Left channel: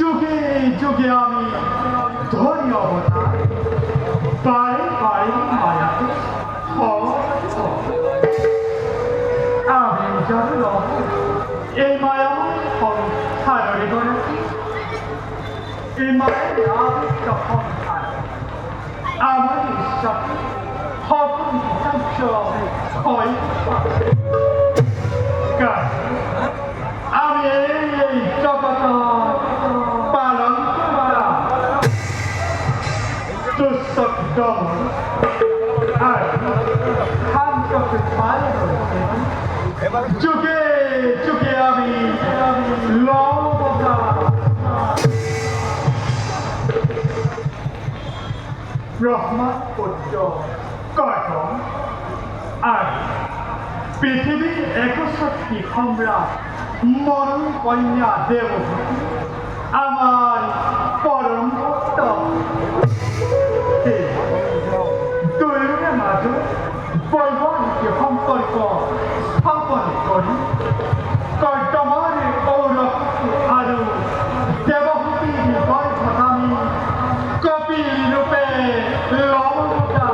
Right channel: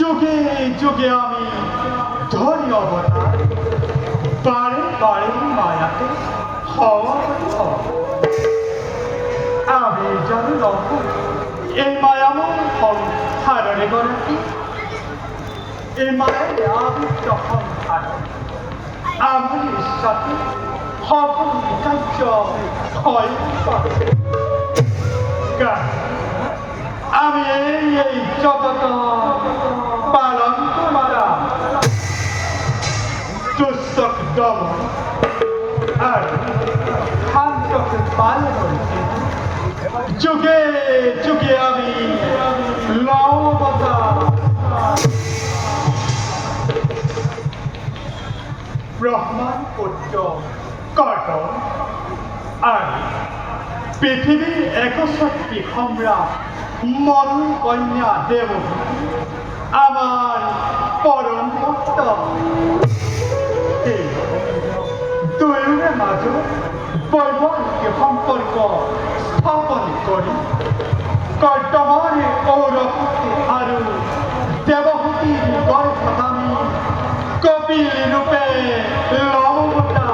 যুগে যুগে আমি ধরি অবতার বারে বারে মায়াকে আমি জানি লঙ্ঘ এই মায়াময় ফল হারানে বরফি এই মায়ের আমি যখন হারাই আমার সাথে হবন কার্য হয় আমি এই জগত পালন মারা দুঃখ দম আর শান্তকে পালন যুগে যুগে আমি লবতা ব্রহ্মা পুত্র কর্ম আর পৃথিবীর একশক্তি সম্রাট মরণ কন্যা দেবভূতি আমার পরম ভক্ত দুয়োৰে মাজত বৈবাহিক সম্পৰ্ক স্থাপন কৰি কৰ্তমানে ঔৰভক্তি আৰু দেৱভূতিৰ গৰ্ভধামী কপিল ৰূপে লবতা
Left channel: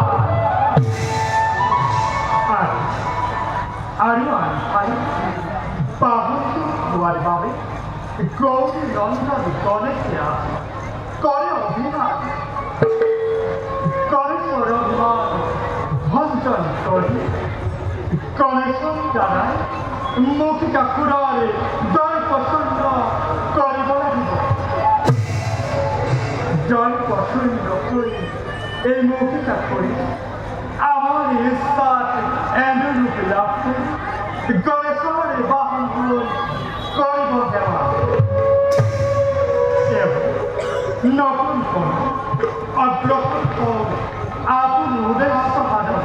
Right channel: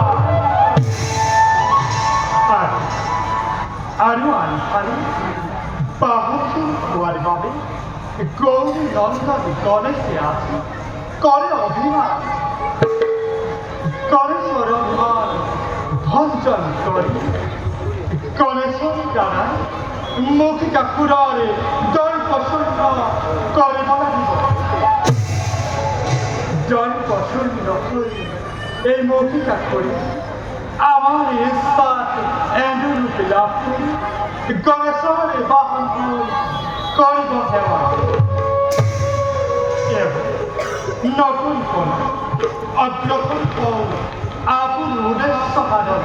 আৰু আনফালে বাহুতি হোৱাৰ বাবে গৌৰী নন্দন গণেশে আছে কৰে অভিমান গণেশৰ অভিমান ভঞ্জন কৰি গণেশৰ দ্বাৰাই মৌখিকা সুৰৰে জয় প্ৰসন্ন কৰিব লাগিব জয় প্ৰসন্ন কৰি এই মৌখিকা কৰি আমার ইচ্ছাত এমন রূপে লাভ করি গণেশ নতুন কোন অগ্রসর হোক আপন উদ্দেশ্য সাধন।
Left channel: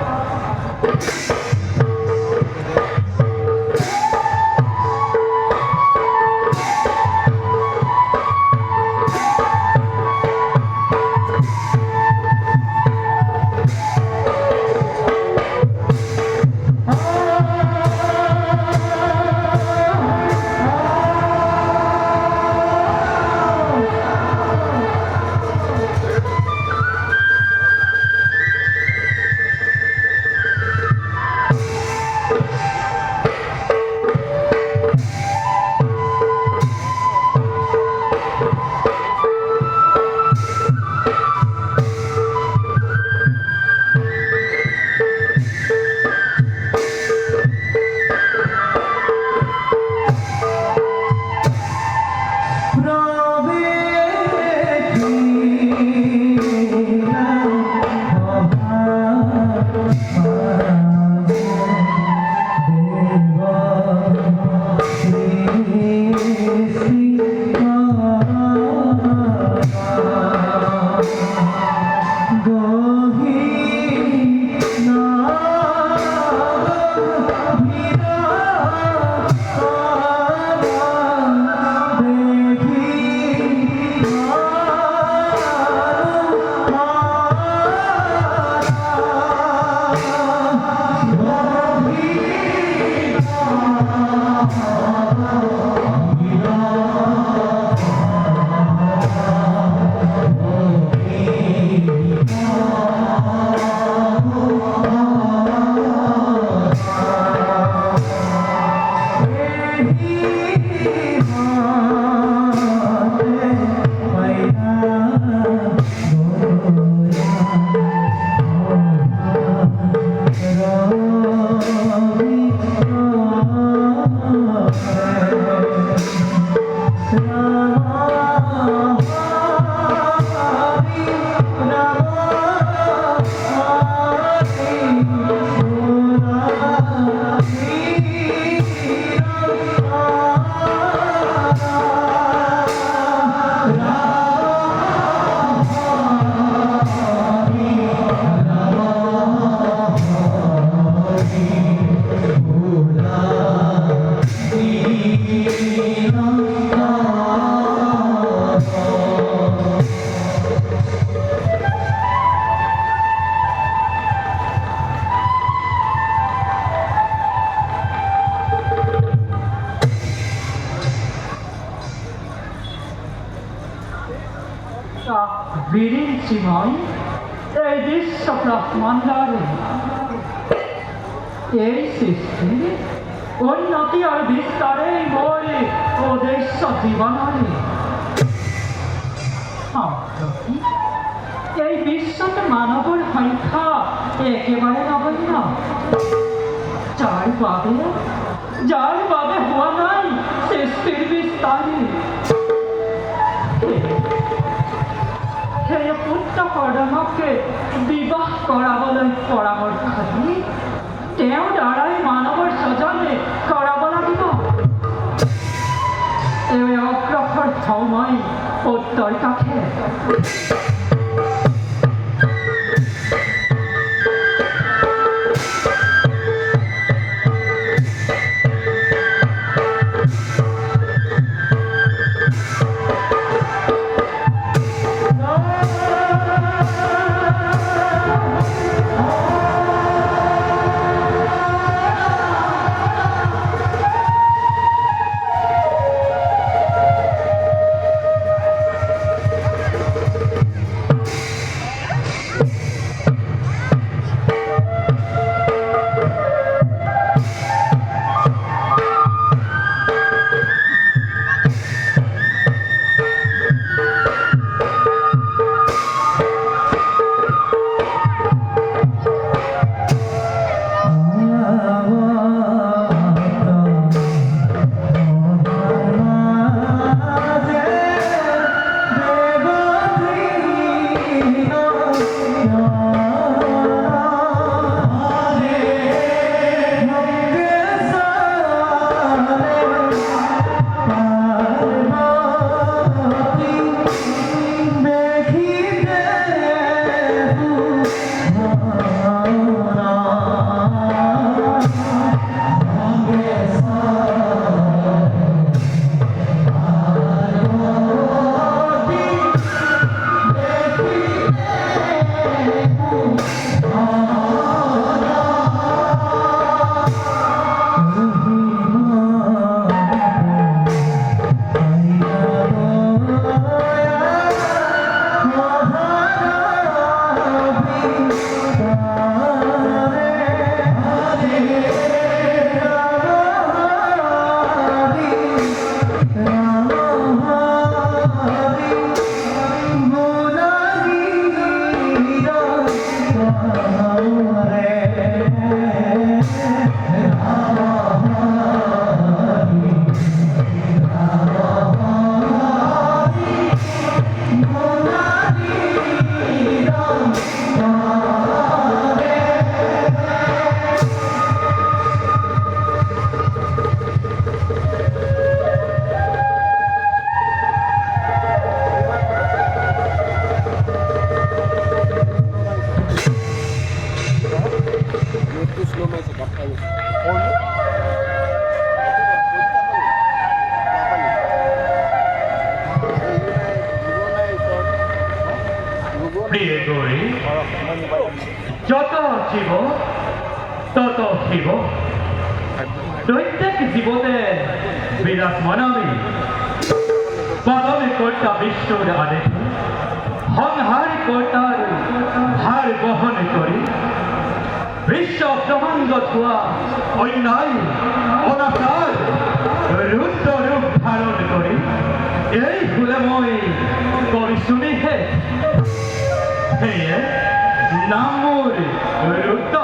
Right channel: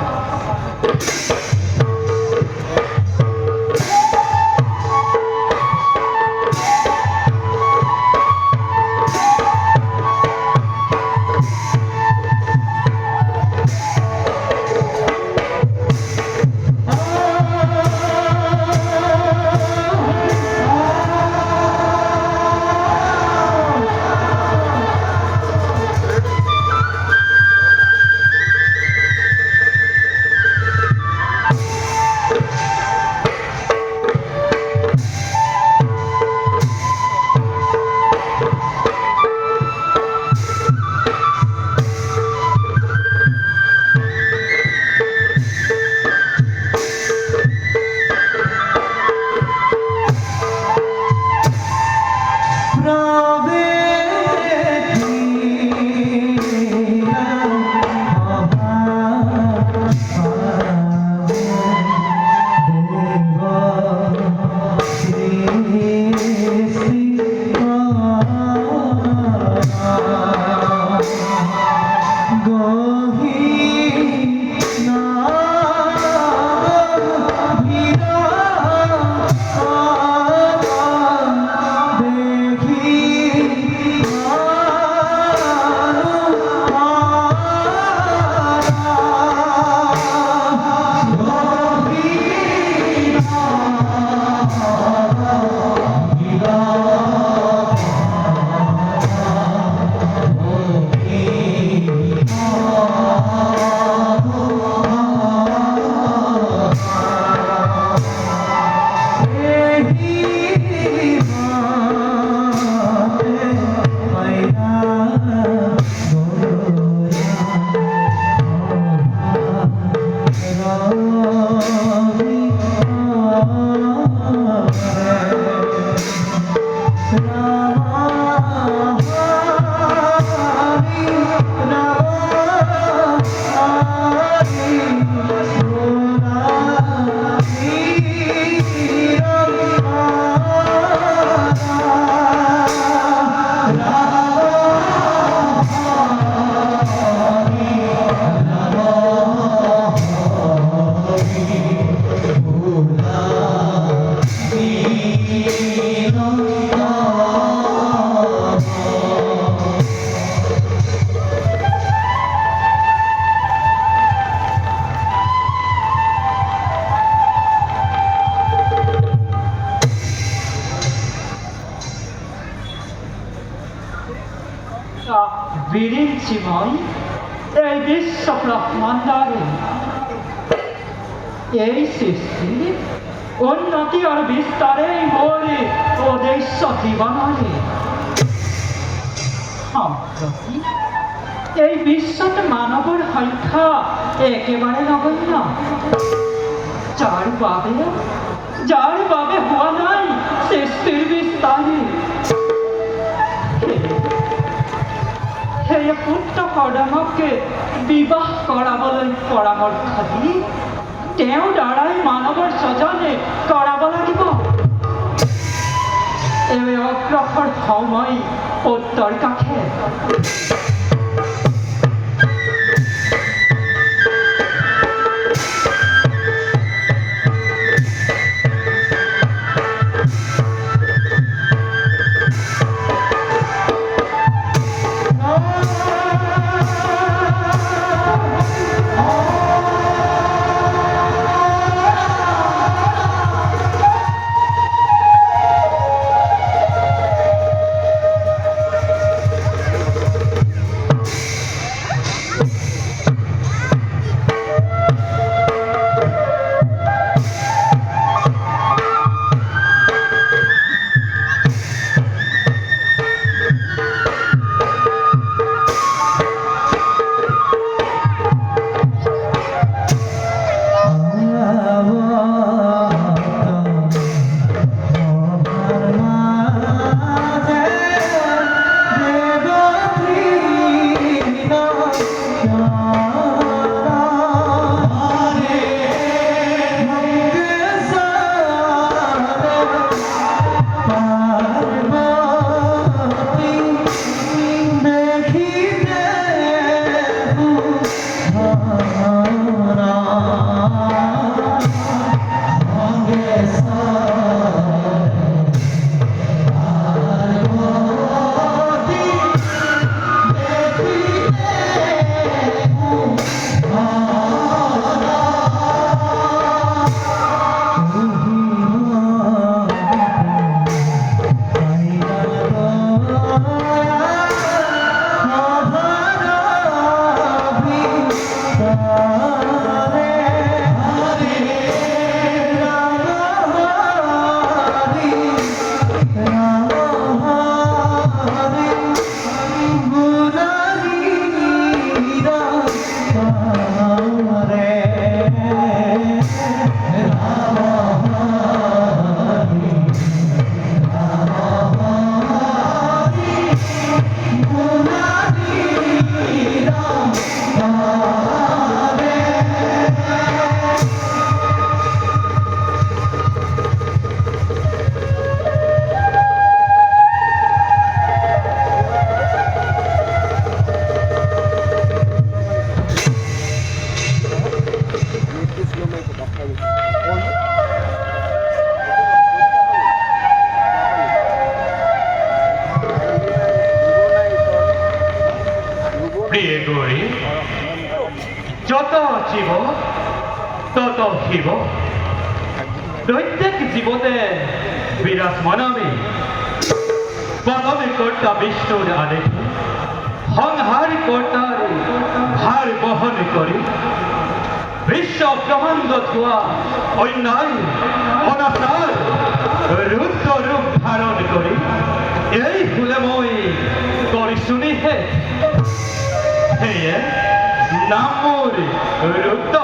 বিরিঞ্চিময় এই বিশ্ব ব্রহ্মাণ্ডারে এই সৃষ্টি উন্নতি আর বিস্তারে বলে উদ্দেশ্য জীবনে সম্প্রতি এই বিশ্বতে মানবর সংখ্যা একেবারে নগণ্য। যার বাবে হওয়া নাই সৃষ্টির বিস্তারে। সেই পুত্ৰ কৰ্দমকে বিবাহ কৰাবলৈ পৰামৰ্শ দি তেওঁৰ দ্বাৰাই মানৱৰ স্বজনে কৰাব লাগিব। এই অগ্ৰসৰ সময় উত্তৰ কাষে। জীৱ তত শিৱ প্ৰত্যেক জীৱতে বিৰাজমান আমি প্ৰথমে কৰ্তা বিষ্ণুৰ আদেশ সংহাৰ কৰ্তাৰ ভাৰ বহন কৰি বিশ্ব ব্ৰহ্মাণ্ডত হোৱা অন্যায় অনাচাৰ ৰুদ্ৰ ৰূপ ধাৰণ কৰি এই ফুলে মই কৰিছোঁ নিষেধ সেয়ে নাম মোৰ ৰুদ্ৰ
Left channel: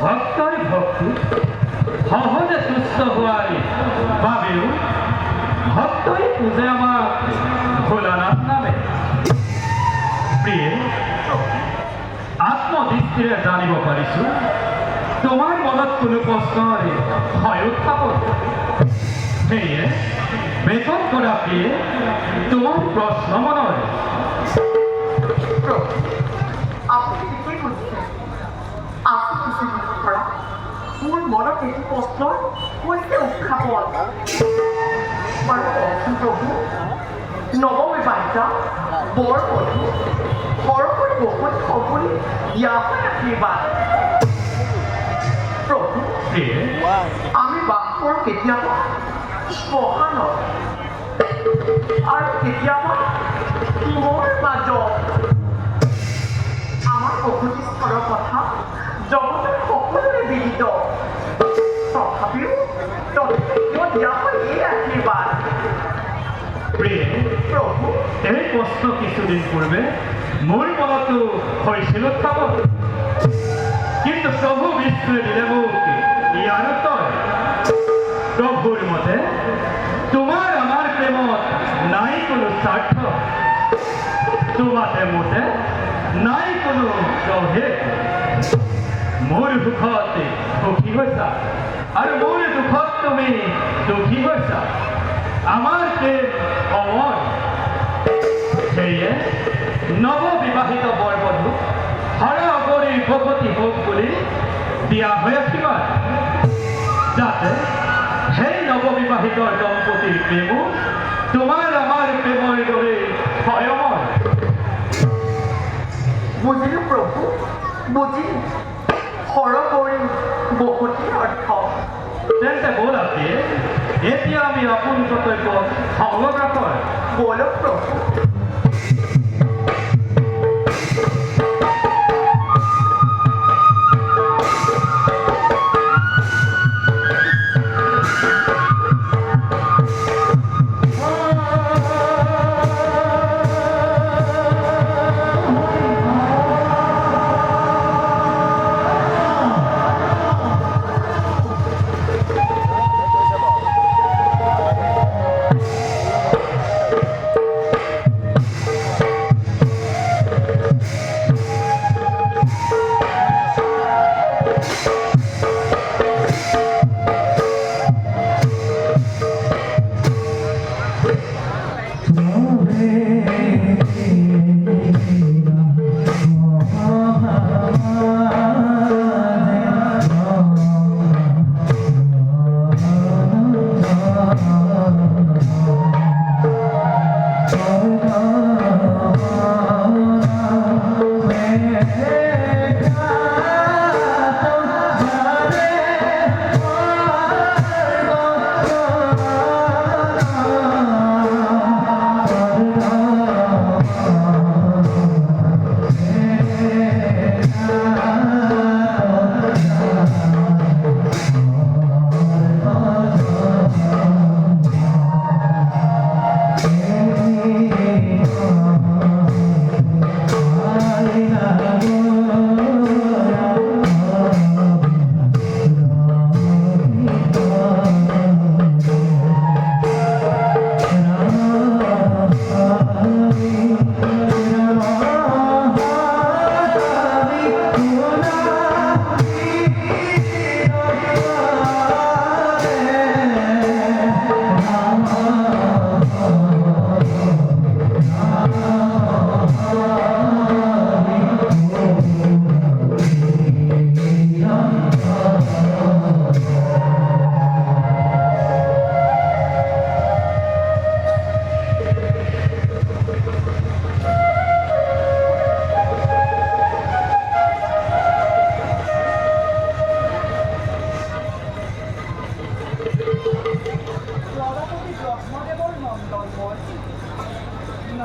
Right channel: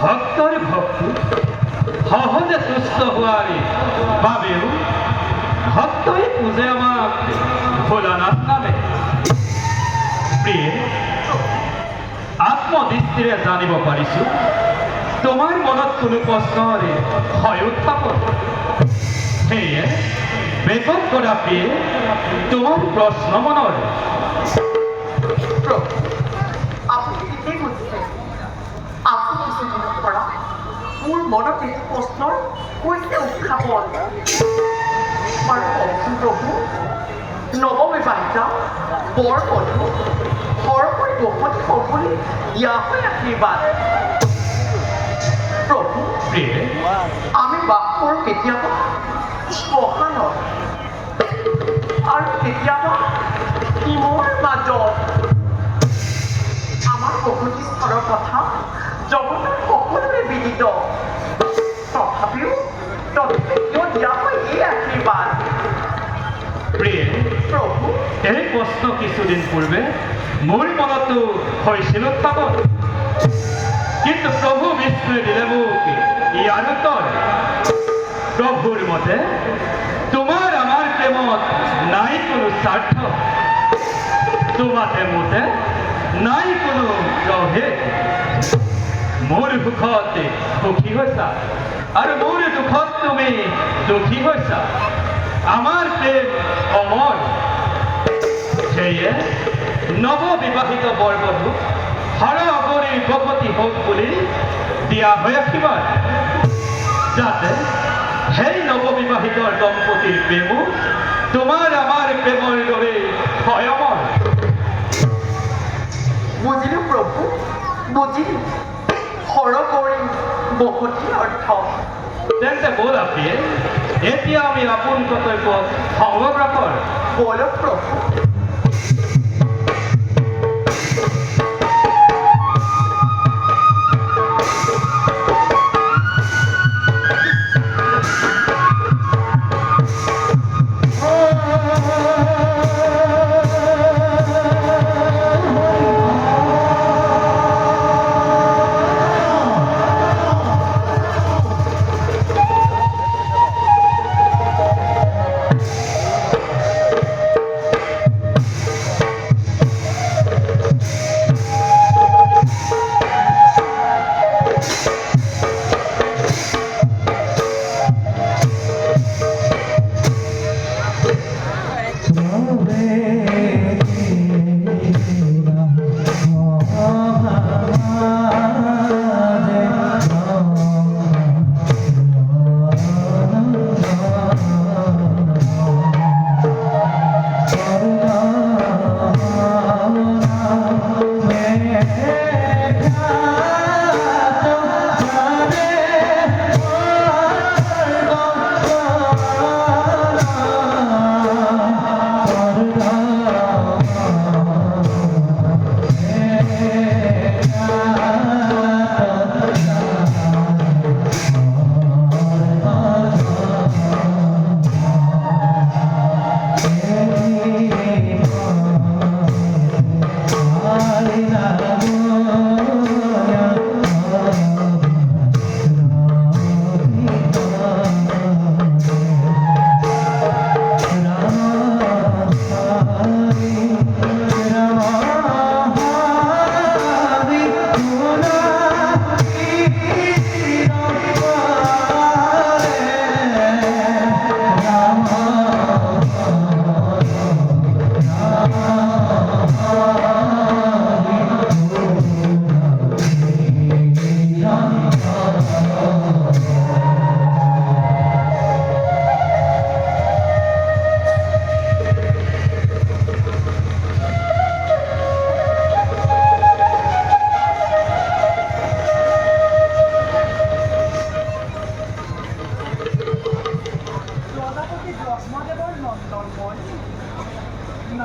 ভক্তৰ ভক্তি সহজে তুষ্ট হোৱাৰ বাবেও ভক্তই পূজে আমাক ভোলানাথ নামে প্ৰিয়ে আত্মদৃষ্টিৰে জানিব পাৰিছোঁ তোমাৰ মনত কোনো প্ৰশ্নৰ ভয় উত্থাপন সেয়ে বেগত কৰা প্ৰিয়ে তোমাৰ প্ৰশ্ন মনৰ আপুনি ঠিকেই বুজিছে আপুনি কিছু পৰা মোৰ মনত এইটো প্ৰশ্নৰ হৈছে উত্থাপন বাৰু কওকচোন প্ৰভু নৱবিবাহিতা বৰ বধূ সৰকৈ বহুত সপোনে দিয়া হয় আশীৰ্বাদ প্ৰভু আমি বাস কৰোঁ কেতিয়াবা শ্মশানত আৰু কেতিয়াবা মোৰ মাজত আমাৰ প্ৰকৃতি স্থলৰ কথা জগতৰ সকলোৰে বিদিত তথাপিও দিয়া হয় এই আশীৰ্বাদ প্ৰিয়ে প্ৰভু এই প্ৰশ্ন কিছুদিন পূৰ্বে মোৰ মনতো হৈছিল উত্থাপন কিন্তু প্ৰভু বিষ্ণুৱে দিলে মোক ইয়াৰ উত্তৰ প্ৰভুৰ মতে তোমাৰ আমাৰ প্ৰেমত নাই কোনো স্বাৰ্থ তোমাতে মতে নাই কোনো প্ৰভেদ মোৰ সুখত সুখী হৈছা আৰু মোৰ দুখত তুমি দুখী হৈছা আমাৰ প্ৰেম অমৰ সেয়ে নৱবিবাহিত বৰ বধূক হৰ অগৰীৰ ভগৱতী হওক বুলি দিয়া হৈ আশীৰ্বাদ যাতে সেই নৱবিবাহিতৰ দম্পতীৰ প্ৰেমো তোমাৰ আমাৰ প্ৰেমৰ দৰে হয় অমৰ বুজিলোঁ প্ৰভু বুজিলোঁ সৰগৰী বহুতী অৰ্থ তেন্তে ব'ল আপীয়ে এতিয়া আমি আপোন কৰ্তব্য সংগ্ৰহ বলক প্ৰভু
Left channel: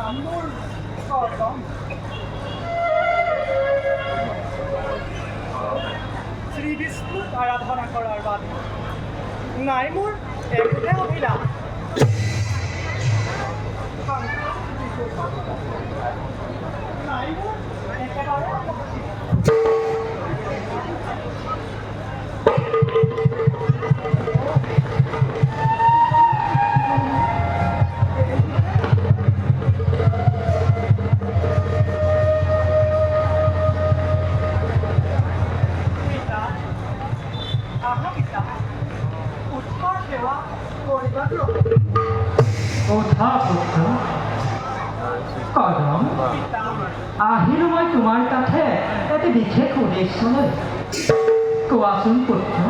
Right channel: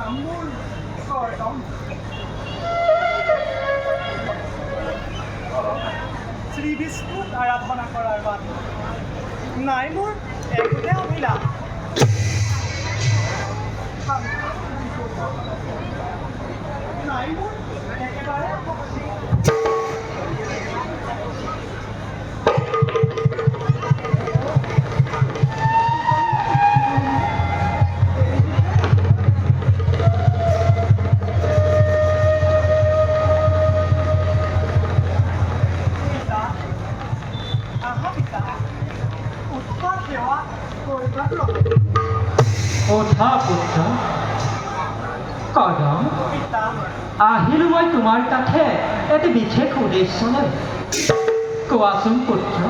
নাম মোৰ কৰদম। শ্ৰী বিষ্ণুক আৰাধনা কৰাৰ বাবে নাই মোৰ একোতে অভিলাষ। নাই মোৰ একেবাৰে আপত্তি। ওঠা পুত্ৰ কদম, আহিলোঁ মই তোমাৰ তাতে এটি বিশেষ উদ্দেশ্য লৈ। কোৱাচোন পুত্ৰ,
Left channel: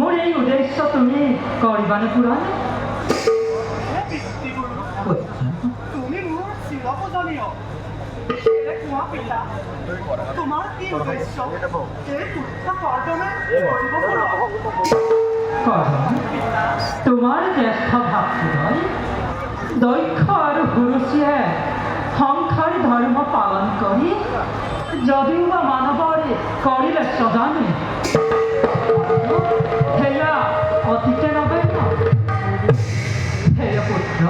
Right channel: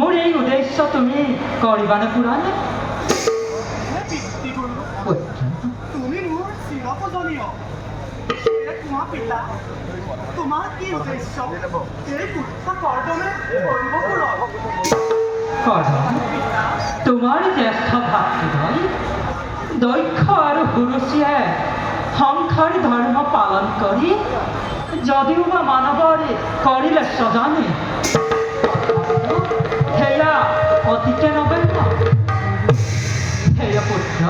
মোৰ এই উদ্দেশ্য তুমি কৰিবানে পূৰণে? পুত্ৰ, তুমি মোৰ চিৰপূজনীয়। কোৱা পিতা, তোমাৰ কি উদ্দেশ্য এই পুত্ৰ কৰ্দমে কৰিব পূৰণ? কদম, তোমাৰ জ্যেষ্ঠ ভাতৃদ্বয় দক্ষ আৰু হুৰুচিয়ে সংসাৰ ধৰ্ম পালন কৰি যদিও বা মানৱৰ কৰিলে স্বজানে, সেয়া অতিকে নগণ্য। সেয়া পুত্ৰ,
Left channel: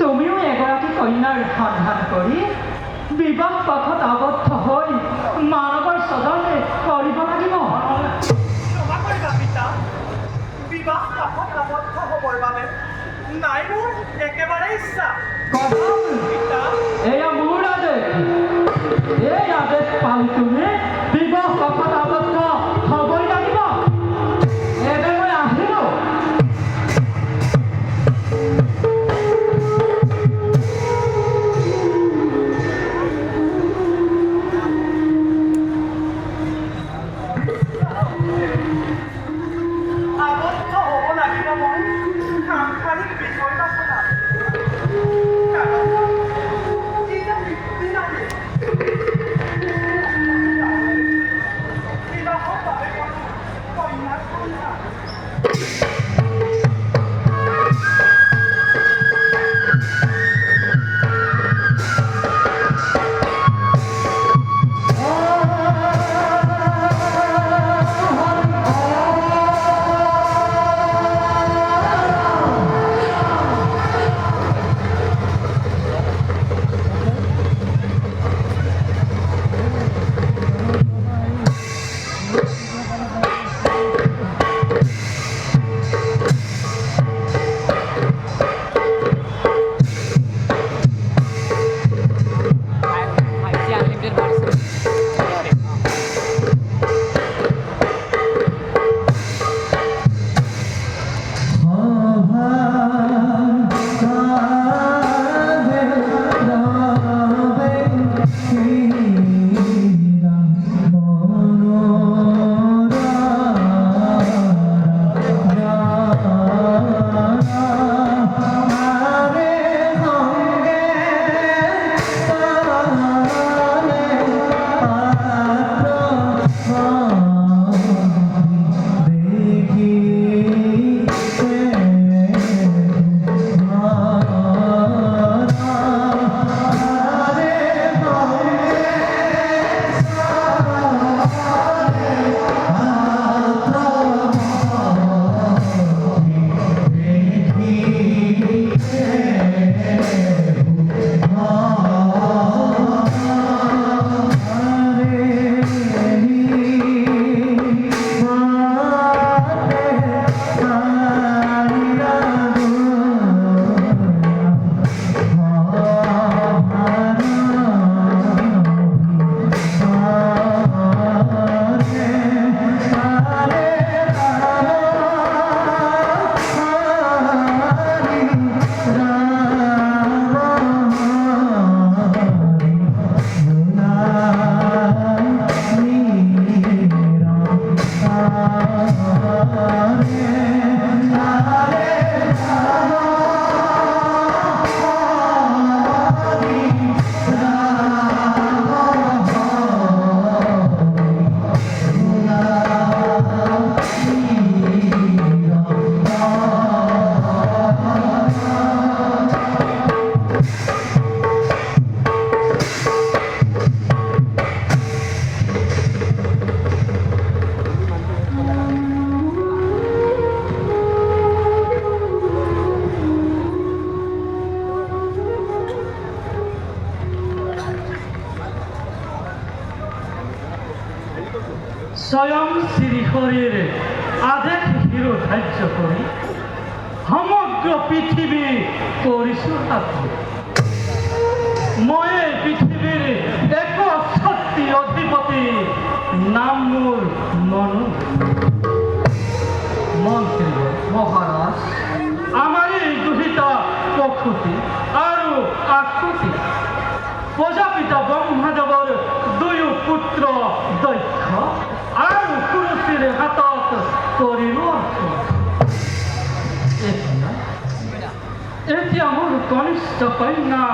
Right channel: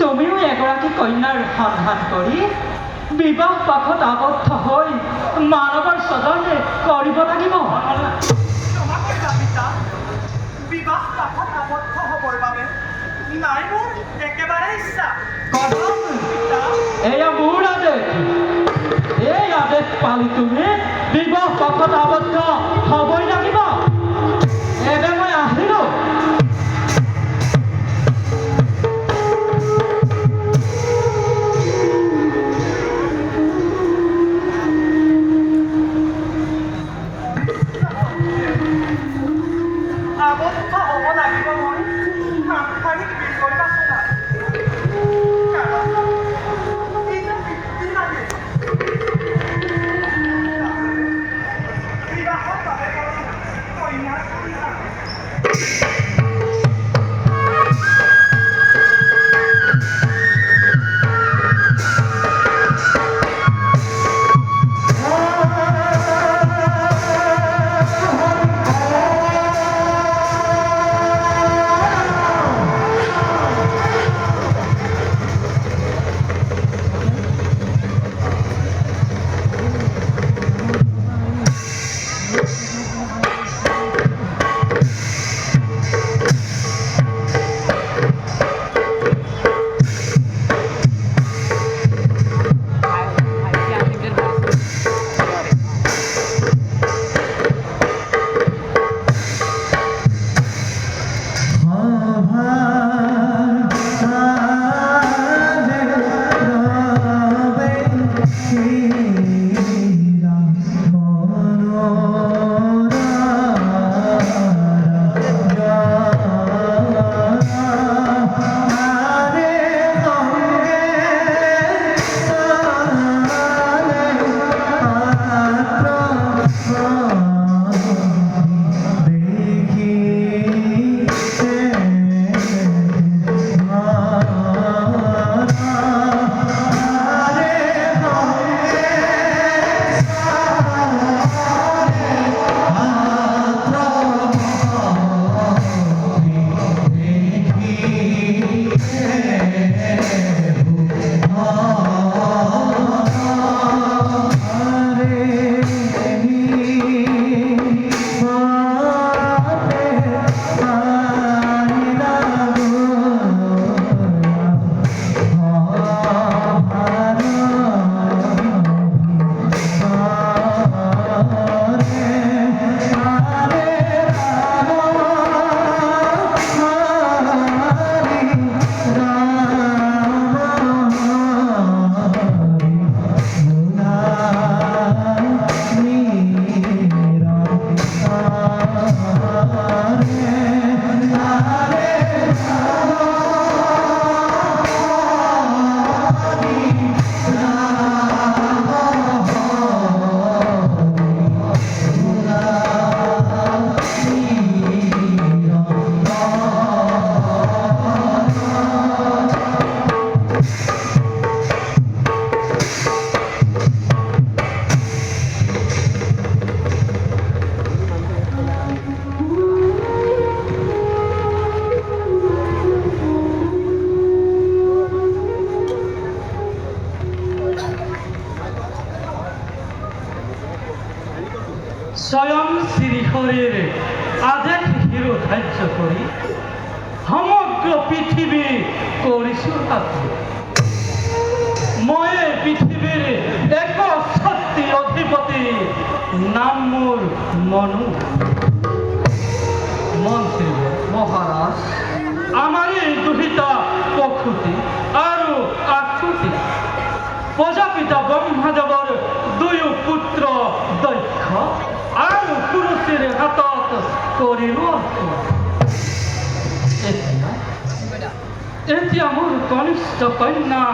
তুমিও এগৰাকী কন্যাৰ সন্ধান কৰি বিবাহ পাশত আবদ্ধ হৈ মানৱৰ স্বজনে কৰিব লাগিব। ক্ষমা কৰিবা পিতা, বিবাহ পাশত আবদ্ধ হ'বৰ বাবে নাই মোৰ একেবাৰে ইচ্ছা। কদম, পিতা, এয়া মোৰ আদেশ। এই আদেশ পালি তুমি বিবাহ পাশত আবদ্ধ হ'বই লাগিব। এনে মই আহিলোঁ। আবদ্ধ হ'ব লাগিব মই সাংসাৰিক বিষয় বাচনাত। কাৰণ ই যে পিতৃ লাগে। বিবাহৰ বাবে কন্যাৰ কন্যা। ধাৰ্য কৰি সমগ্ৰ পৃথিৱী কৰিছোঁ সাক্ষী। মই এই পৃথিৱীৰ এক শক্তি অধিপতি, নাম মোৰ মনু। মন্ত্ৰী মহাৰাজ, আমাৰ এই দুহিতা প্ৰসূতি আৰু আকৃতি প্ৰজাপিতা ব্ৰহ্মদেৱৰ দুয়ো পুত্ৰ দক্ষ আৰু পুৰুষীৰ হাতত কৰিলো। এতিয়া মোৰ কনিষ্ঠ কন্যা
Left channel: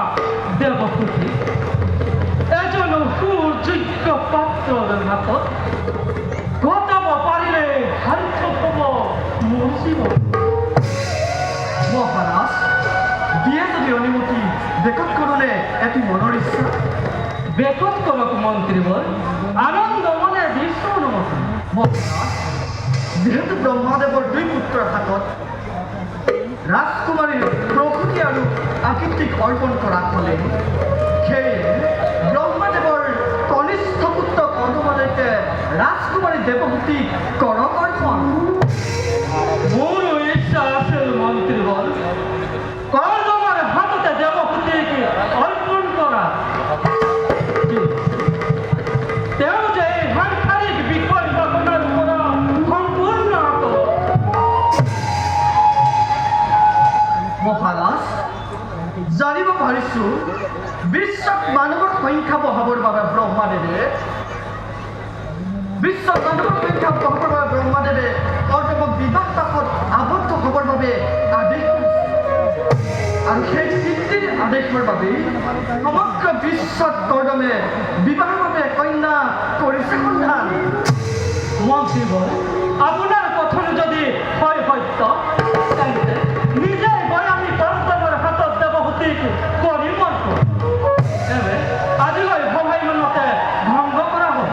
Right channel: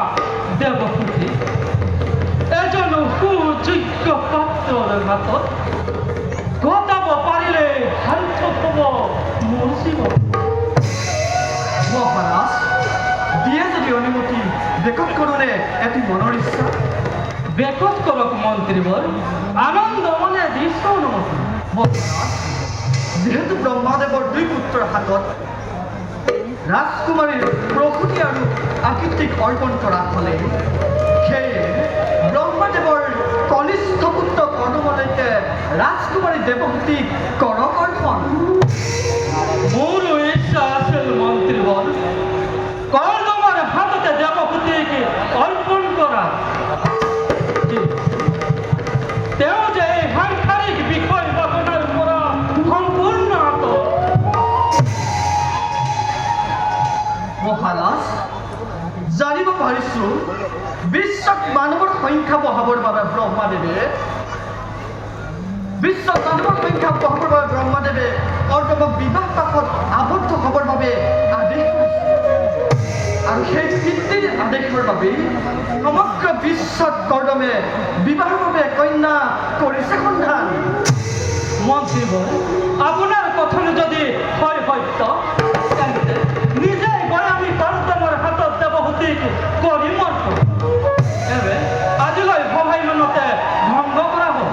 দেৱসূতি এজন সুযোগ্য পাত্ৰৰ হাতত গতাব পাৰিলে সাৰ্থক হ'ব মোৰ জীৱন। মহাৰাজ, দিয়ে যদি অনুমতি বেকত কৰোঁনে এটি মনৰ ইচ্ছা। বেকত কৰক মন্ত্ৰীবৰ, আনন্দ মনে দিছো অনুমতি। মহাৰাজ, যিহেতু ব্ৰহ্মদেৱৰ দুই পুত্ৰৰ হাতত ৰাজকুমাৰীৰ প্ৰসূতি আৰু আকৃতিক অৰ্পণ কৰা হ'লে, সেয়ে ব্ৰহ্মদেৱৰ কনিষ্ঠ পুত্ৰ কৰ্দমলৈকে ৰাজকুমাৰী দেৱসূতিক কৰক অৰ্পণ। মোৰো ইচ্ছা আছিল মন্ত্ৰীবৰ, কৰ্দমাৰ হাততে দেৱসূতিক অৰ্পণ কৰা। তেওঁ যে এই সাংসাৰিক বিষয় বাসনাৰ পৰা সম্পূৰ্ণ আঁতৰ। মহাৰাজ, জানিব পাৰিছো বিশ্বত মানৱৰ সংখ্যা বঢ়াবৰ বাবে ব্ৰহ্মদেৱে কৰ্দমক বিবাহ পাশত আবদ্ধ হ'বৰ বাবে আদেশ কৰিছে। আৰু সেই পিতৃৰ আদেশৰ বাবেই সমগ্ৰ বিশ্বত কৰ্দমে বিবাহৰ বাবে কন্যা কৰিছে সন্ধান। মন্ত্ৰীবৰ, আপোনাৰ কথন যদি হয় সত্য, তেন্তে নিজে গৈ আমি কৰ্দমৰ হাতত দেৱসূতিক কৰিম অৰ্পণ। আজিলৈ সভাই মনতে ভংগ কৰা হ'ল।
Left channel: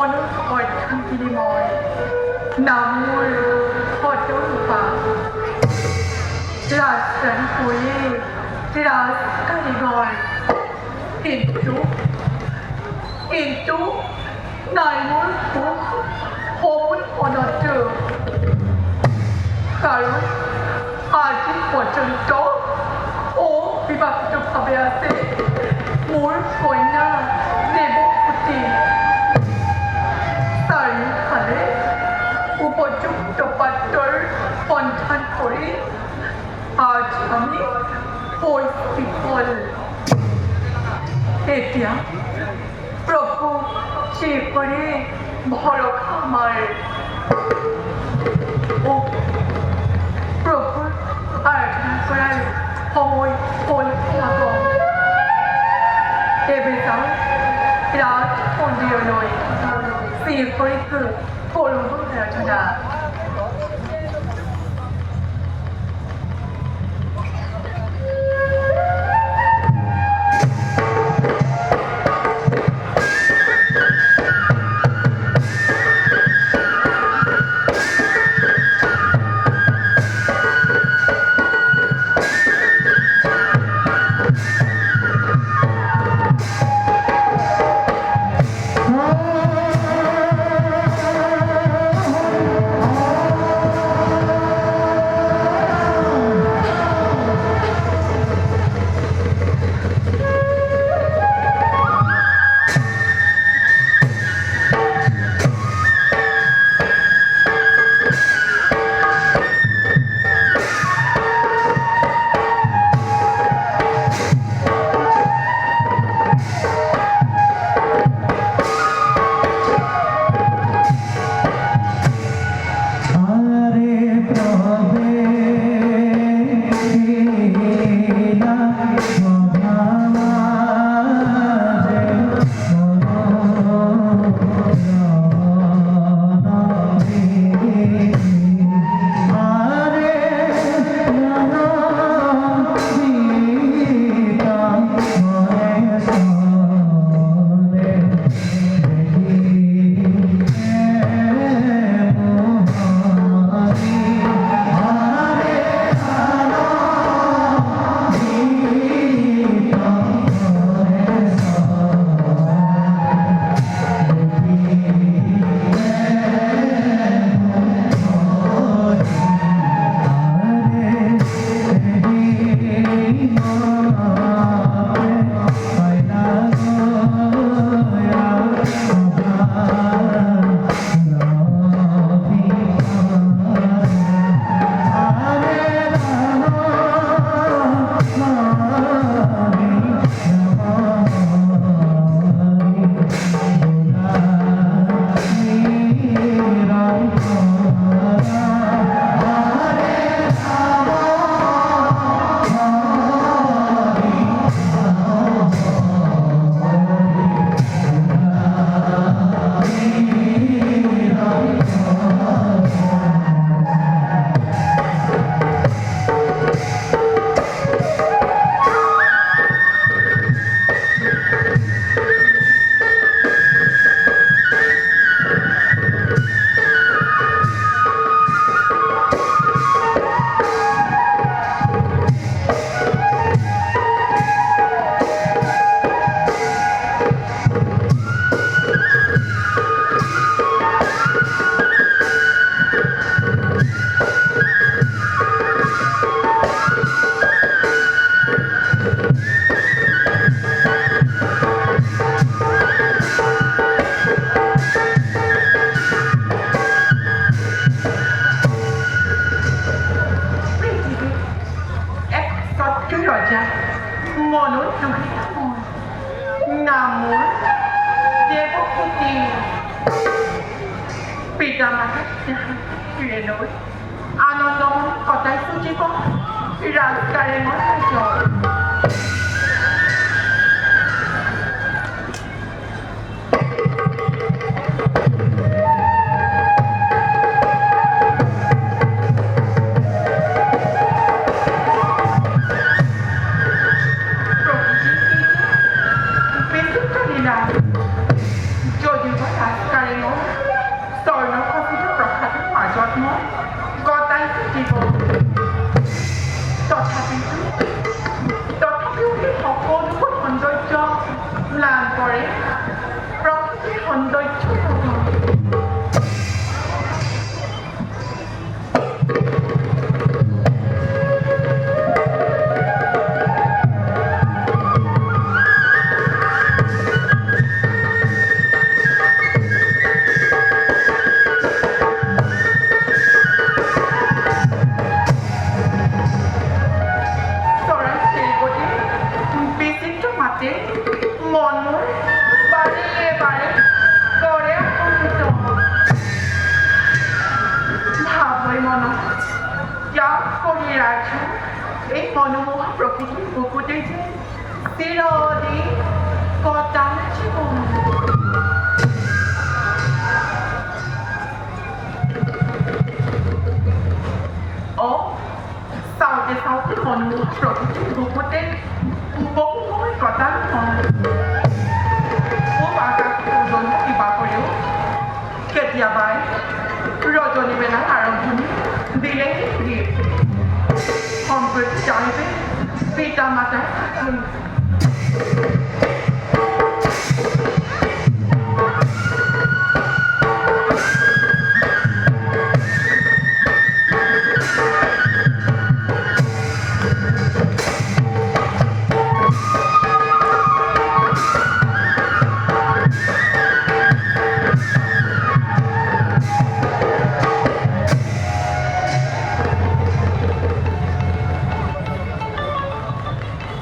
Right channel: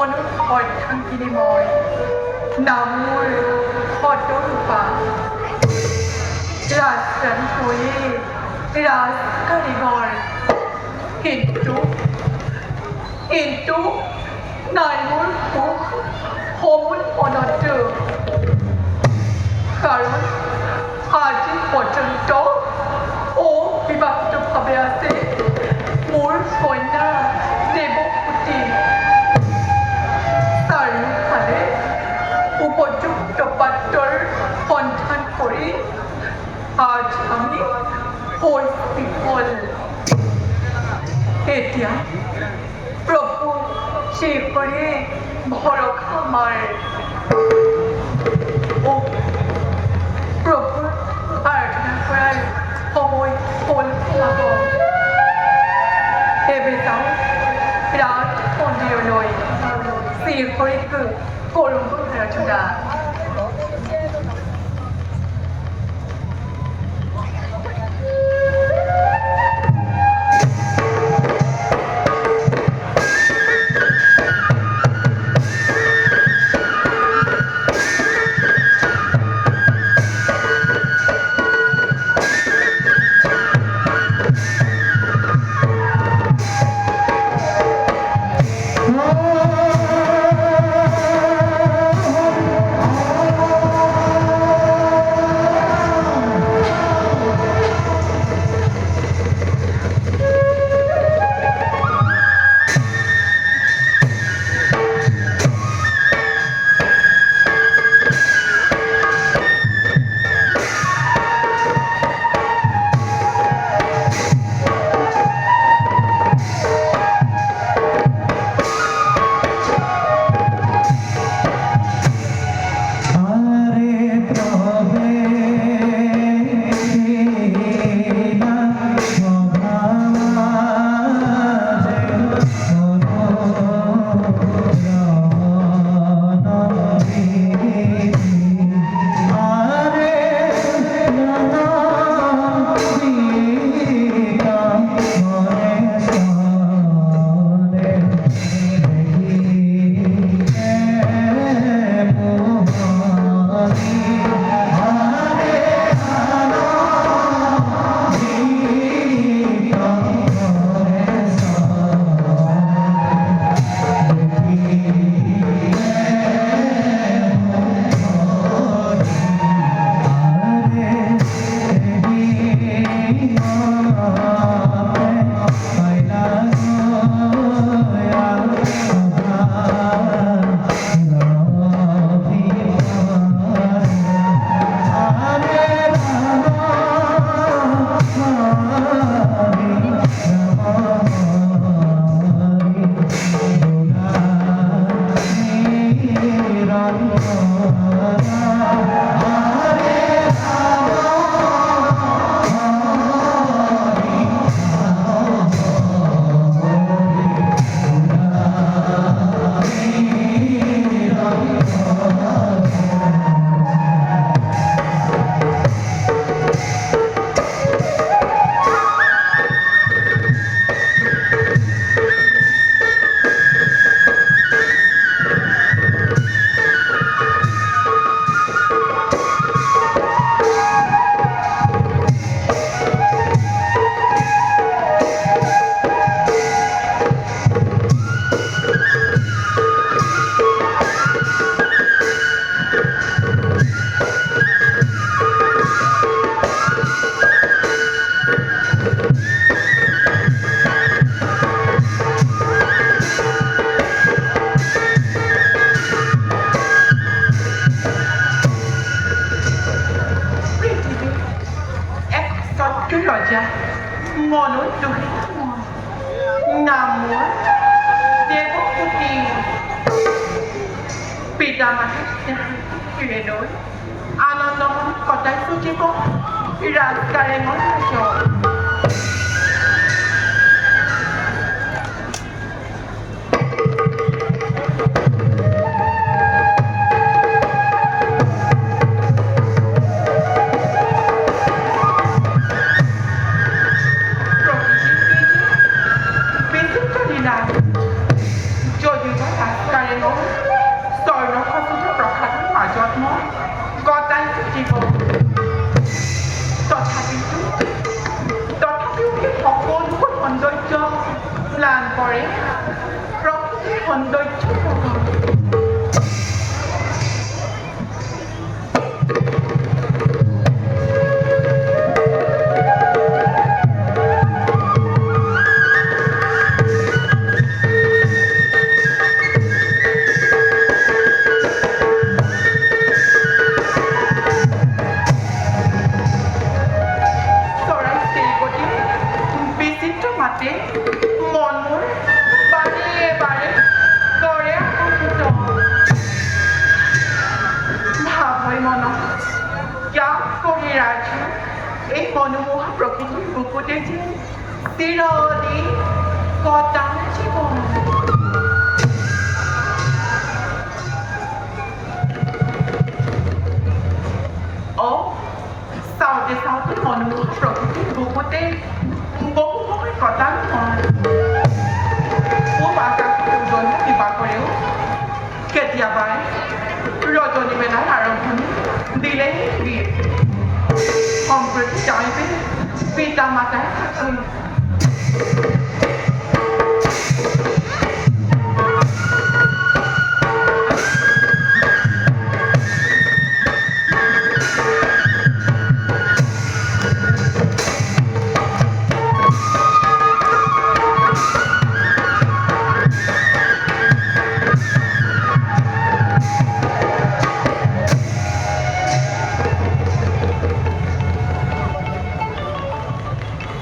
মনৰ অৰ্থনীতি মই নামৰ সতৰূপা ৰাজকাৰী কৰি ৰাজকাৰীগৰ কিন্তু নাই মোৰ সুখ সময় মনতো কাৰণ আজি পৰ্যন্ত অবিবাহিতভাৱে আছে মোৰ কন্যা দেৱপতি চাৰিওফালে উপযুক্ত পাত্ৰৰ সন্ধান কৰি আজ আমি বিফল এতিয়া প্ৰভু সেইপৰি ভৰসা আমাৰ প্ৰভু আৰাধনা কৰাৰ সময় হ'ল হ'ব তেবে যাওঁ ৰাত মন্দিৰলৈ সেইপৰিকৈ কৰোঁ প্ৰাৰ্থনা Raja Monoduh namun Dewoputi Pitamahasnya Pirenoi Anandong Kota Sujiko Rajaremon Rajo যদি স্বৰ্ণখচিত প্ৰসাদৰ মাজত মই গতাইছো জীৱন তথাপিও এই সকলোবোৰ সৌন্দৰ্য ম্লান কৰে প্ৰকৃতিৰ সৌন্দৰ্য নহয় মন মোৰ বাৰে বাৰে কৰে আকৰ্ষিত ভাবই মনত ইয়াক কৰি ৰাখে এই মনোমোহা প্ৰকৃতিৰ বুকুতে যে চিৰদিন কটাম জীৱন চাওঁতে চাওঁতে মনোমোহা প্ৰকৃতিৰ বুকুতে বহু সময় কটা নহয় খুব আকাশ ওজনো কিবা কৰেও কেতিয়াবাই ৰজনী মেলাৰ আৰম্ভণি দিলেহি দিয়ে সম্প্ৰতি যাওঁতে পিতা মাতাৰ সাক্ষী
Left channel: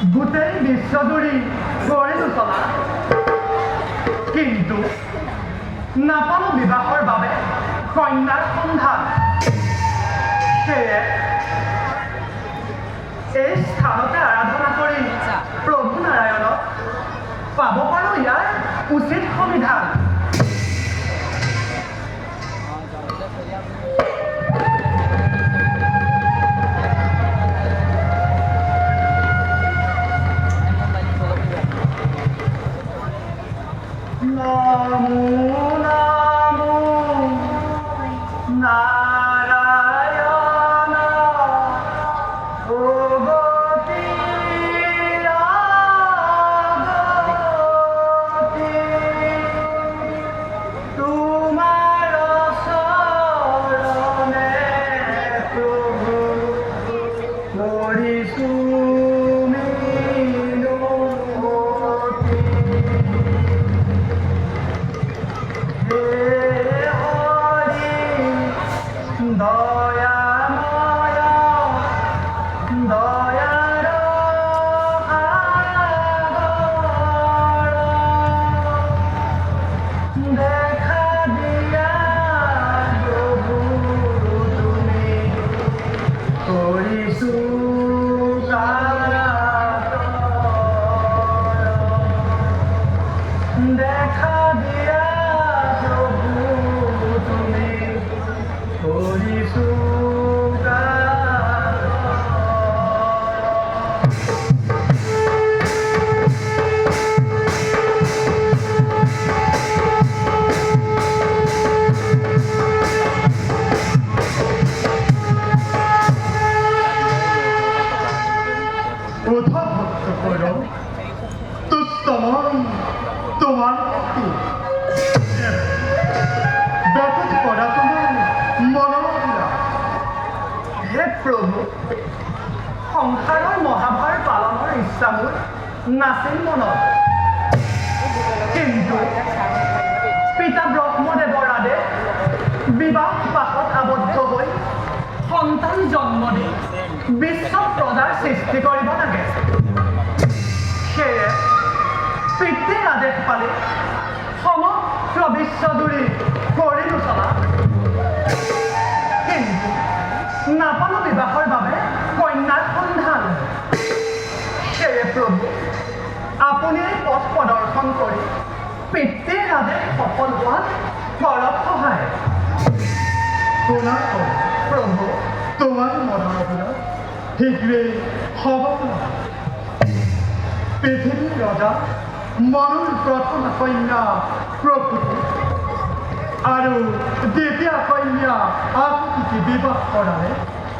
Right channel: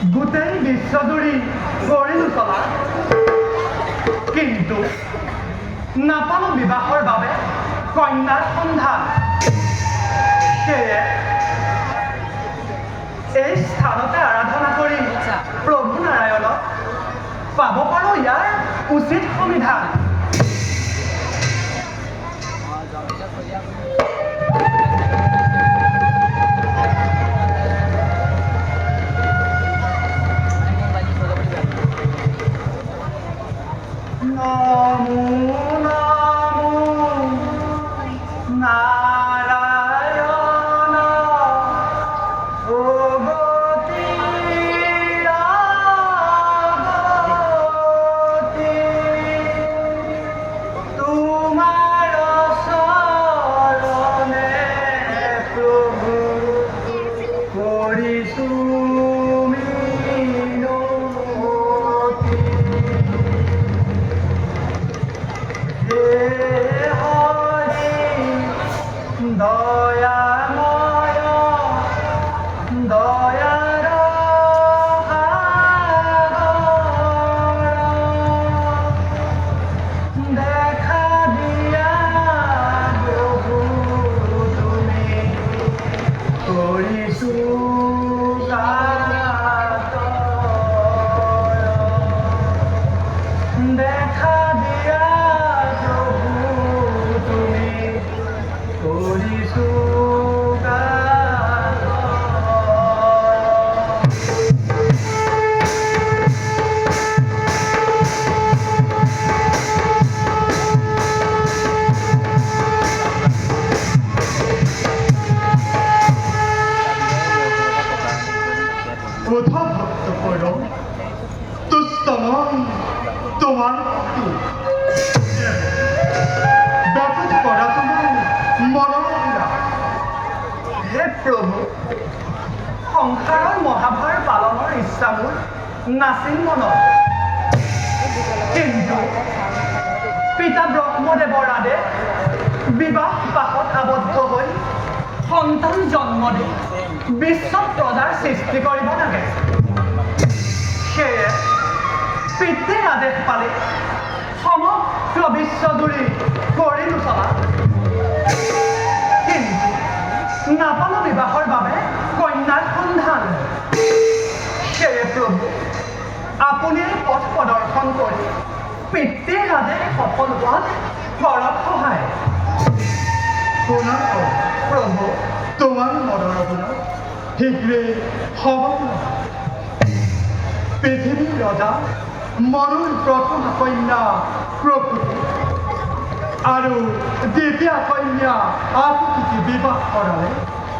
গোটেই বিশ্বজুৰি কৰিলো চলা কিন্তু নাপালো বিবাহৰ বাবে কন্যাৰ সন্ধান সেয়ে এই স্থানতে আৰাধনা কৰি প্ৰভু নাৰায়ণক পাব পাৰো ইয়াৰ উচিত সমিধান সংসাৰৰ মহাভাৰ পালনৰ ইচ্ছা মোৰ নাছিল মনত কিন্তু পিতা ব্ৰহ্মদেৱৰ আদেশ বিবাহ পাশত আবদ্ধ হৈ সন্তান জন্ম দি বিশ্ব প্ৰজাৰ সৃষ্টি কৰিব লাগে সেয়ে পিতৃৰ আদেশ পালে সমগ্ৰ বিশ্বজুৰি কৰিলো চলা কিন্তু নাপালো বিবাহৰ বাবে কন্যাৰ সন্ধান সেয়ে প্ৰভু আপুনি পথ প্ৰদৰ্শন কৰি পিতৃৰ আদেশ সফল হোৱাত কৰক সহায় প্ৰভু তোমাৰ মনৰ শীঘ্ৰেই হ'ব পৃথিৱীৰ ৰজা মনুৰ প্ৰথম কন্যা প্ৰকৃতি আৰু যেতিয়া কন্যা আতিথিক বিবাহ কৰালে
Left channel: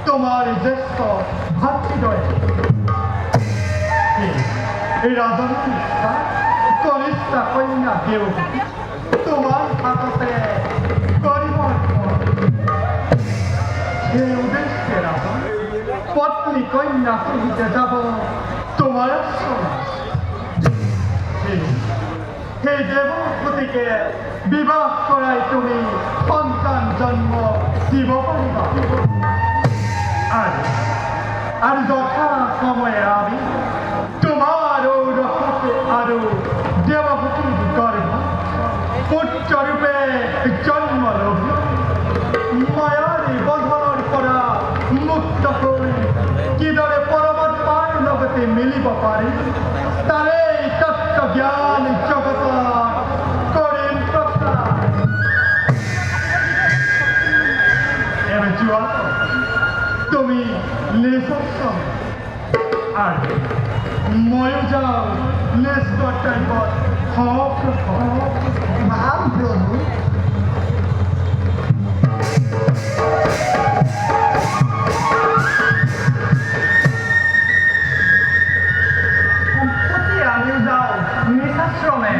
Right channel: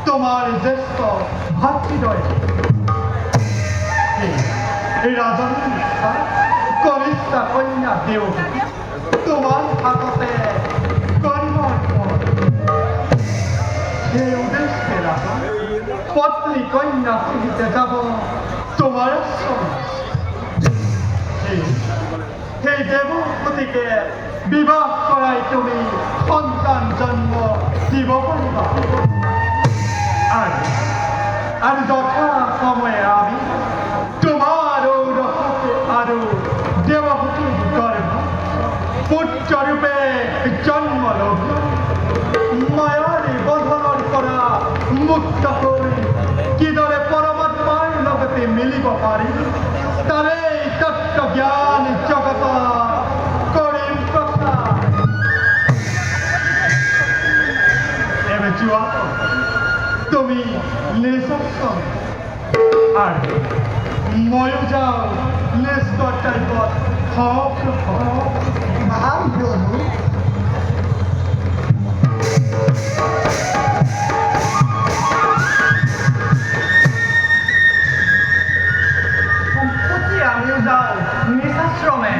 তোমাৰ জ্যেষ্ঠ ভাতৃদ্বয় ৰাজনৰ ইচ্ছা কনিষ্ঠা কন্যা দেউ তোমাৰ হাততে কৰ্মৰ সেই উদ্দেশ্যে ৰাজন পত্নী কন্যা সহিতে যাব তোমাৰ আশ্ৰম সেই দেৱপতিকে বিবাহ কৰাই তুমি সন্তান জন্ম দিব পাৰিবা আৰু যথা সময়ে আমি তোমাৰ ঔৰসত আৰু দেৱপতিৰ গৰ্ভ পুত্ৰৰূপে জন্ম ল'ব মায়াৰ বন্ধনৰ পৰা মুক্ত হৈ কিদৰে পৰমাত্মাৰ লগতে মিলিব পাৰি তাৰেই তত্ত্ব জ্ঞান জগত কৰিম প্ৰচাৰ এবাৰ যোৱা তুমি লেজশ্ৰম আৰু ময়ো যাওঁ লেজৰ টাইপত মহাপ্ৰভু সম্প্ৰতি আমি যাওঁ নিজাশ্ৰমে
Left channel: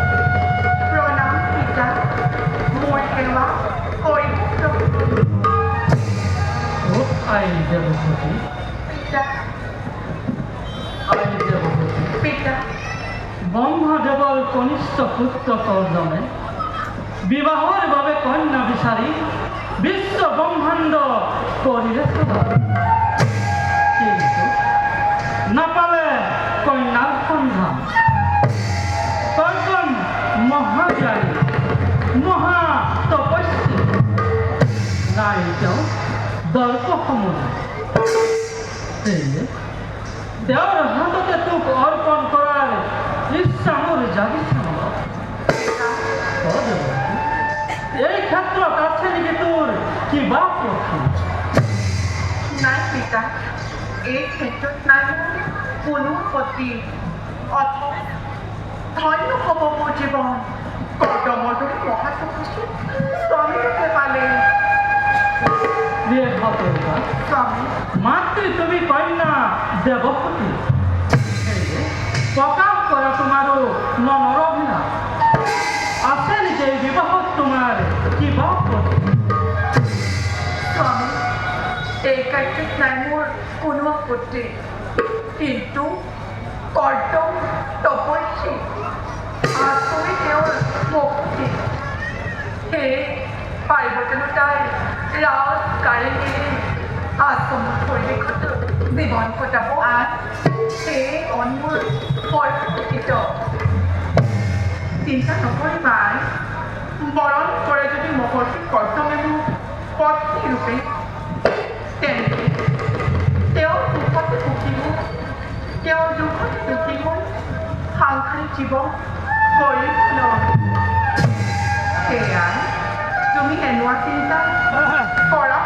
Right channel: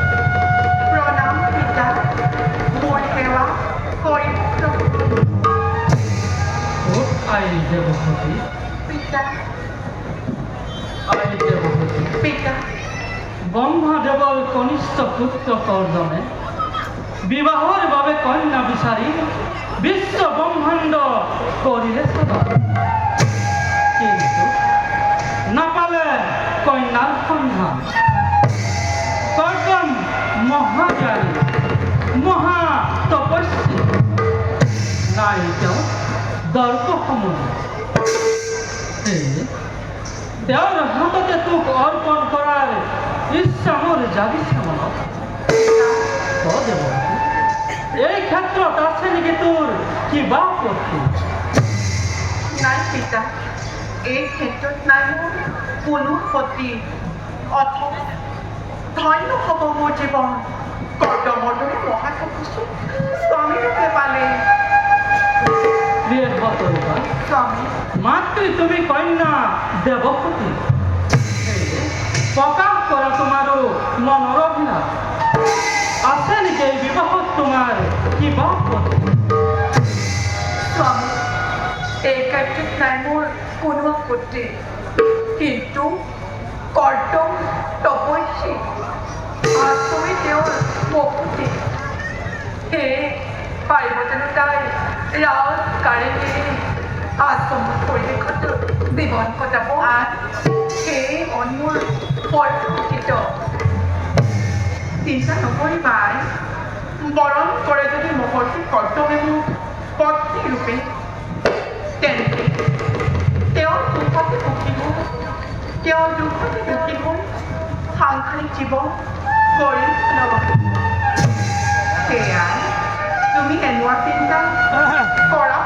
প্ৰণাম পিতা মোৰ সেৱা কৰিব আই দেৱপতি পিতা আই দেৱপতি পিতা ব্ৰহ্মদেৱৰ কনিষ্ঠ পুত্ৰ কৰ্দমে বিবাহৰ বাবে কন্যা বিচাৰি বিশ্ব ব্ৰহ্মাণ্ড কৰিলে সদা কিন্তু নাপালে কন্যাৰ সন্ধান কৰ্দম মহাজ্ঞানী মহা তপস্বী নাই তেওঁ দৰ্পসমূহ তেওঁৰ হাততে তোক অৰ্পণ কৰাৰ ইচ্ছা মোৰ জাগিছে মনত এই ক্ষেত্ৰত আছে নেকি তোৰ কিবা আপত্তি নাই পিতা এই ক্ষেত্ৰত নাই মোৰ কোনো আপত্তি অথচ ধন্য হ'ব মোৰ জীৱন কৰ্দমৰ দৰে মহাতপস্বী স্বামীৰূপে পালে স্বামী মাতৃ তুমি কন্যা দেৱপতি প্ৰকাশ কৰা তোমাৰো মনৰ অভিলাষ আছে নেকি এই বিবাহত তোমাৰ কিবা আপত্তি স্বামী এই ক্ষেত্ৰত নাই মোৰ কোনো আপত্তি কিন্তু কৰ্দম তপস্বী আৰু তুমি তেওঁৰ মুখতি সেয়ে পাৰিব জানো তাই ৰাজ কাৰেঙেৰে আশ্ৰম পৰিৱেশত জীৱন কটাব সেয়ে অন্যৰ পৰিস্থিত চিন্তা নকৰিবা বৰণ কৰে যদি মহৰ্ষি কৰ্তব্যটো পত্নী ৰূপে তেন্তে তেওঁৰ দুখতে সুখী হোক তেওঁৰ দুখতে দুখী হোক সাংসাৰিক জীৱন কৰি সেয়া তুমি এনেকুৱা চিন্তা কৰা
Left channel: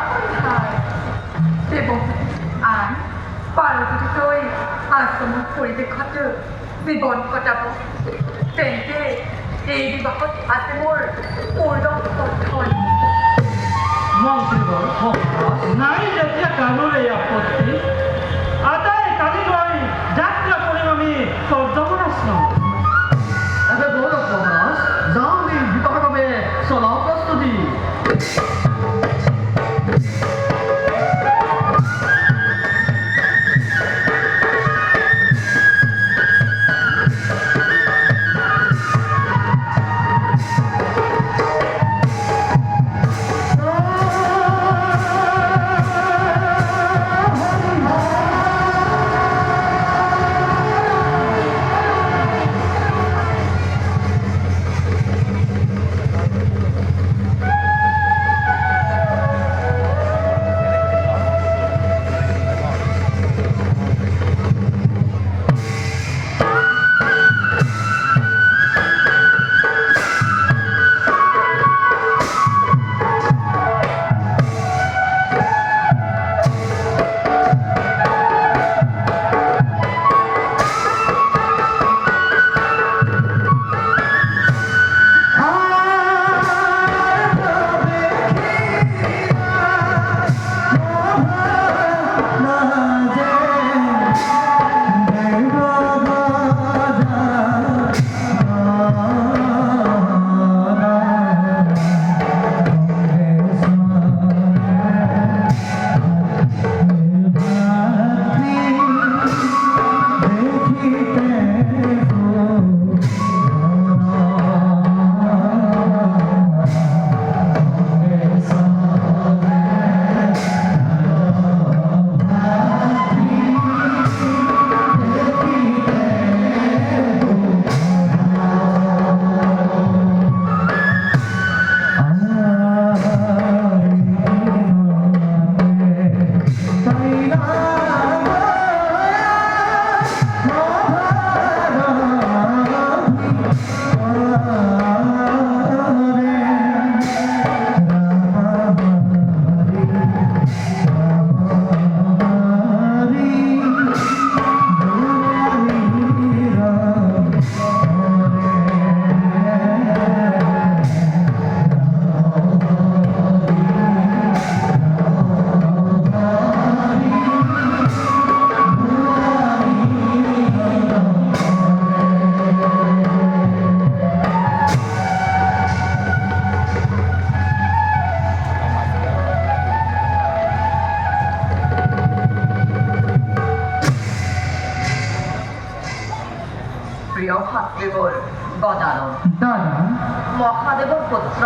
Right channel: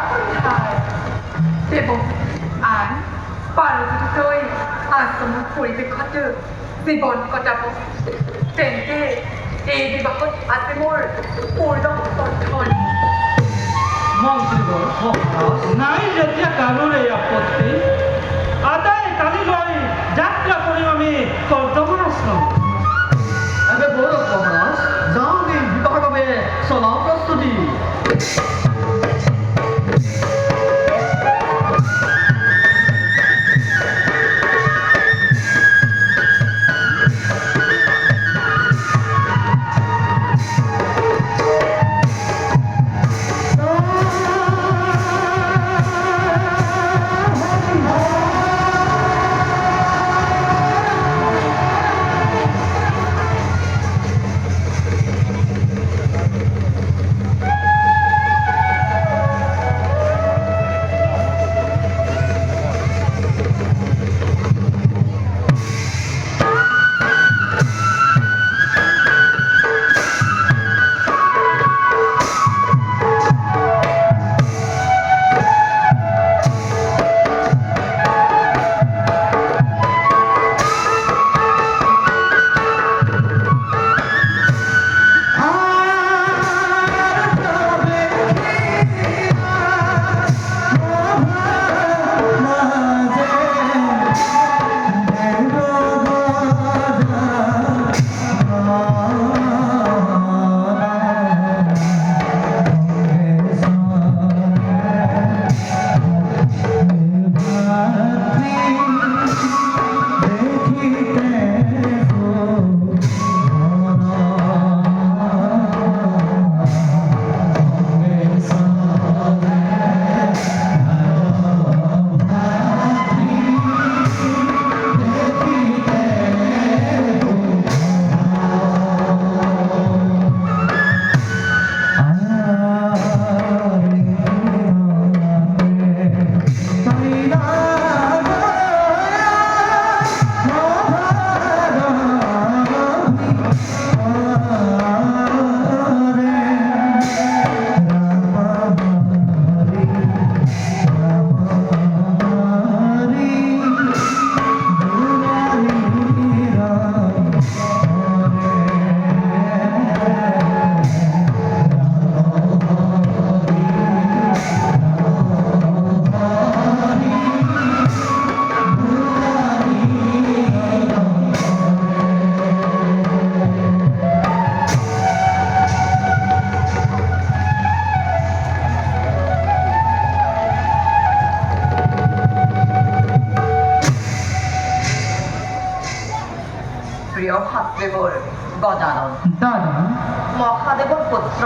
দেৱ আন পাৰ্বতীকৈ আশ্ৰমৰ পৰিৱেশত জীৱন কটাব তেন্তে এই বিবাহত আছে মোৰ পূৰ্ণ সমৰ্থন মন্ত্ৰীগণ মহাৰাজ নাই যেতিয়া কাৰোলৈ আপত্তি আটাই কালিলৈ যাত্ৰা কৰিম আমি কৰ্দমৰ আশ্ৰম এবাৰ গৌৰৱ মহাৰাজ যাওঁ আমি বিবাহৰ বাবে চলাওঁ প্ৰস্তুতি মাতৃবর গজানন দাদা মহাদেবর পুত্র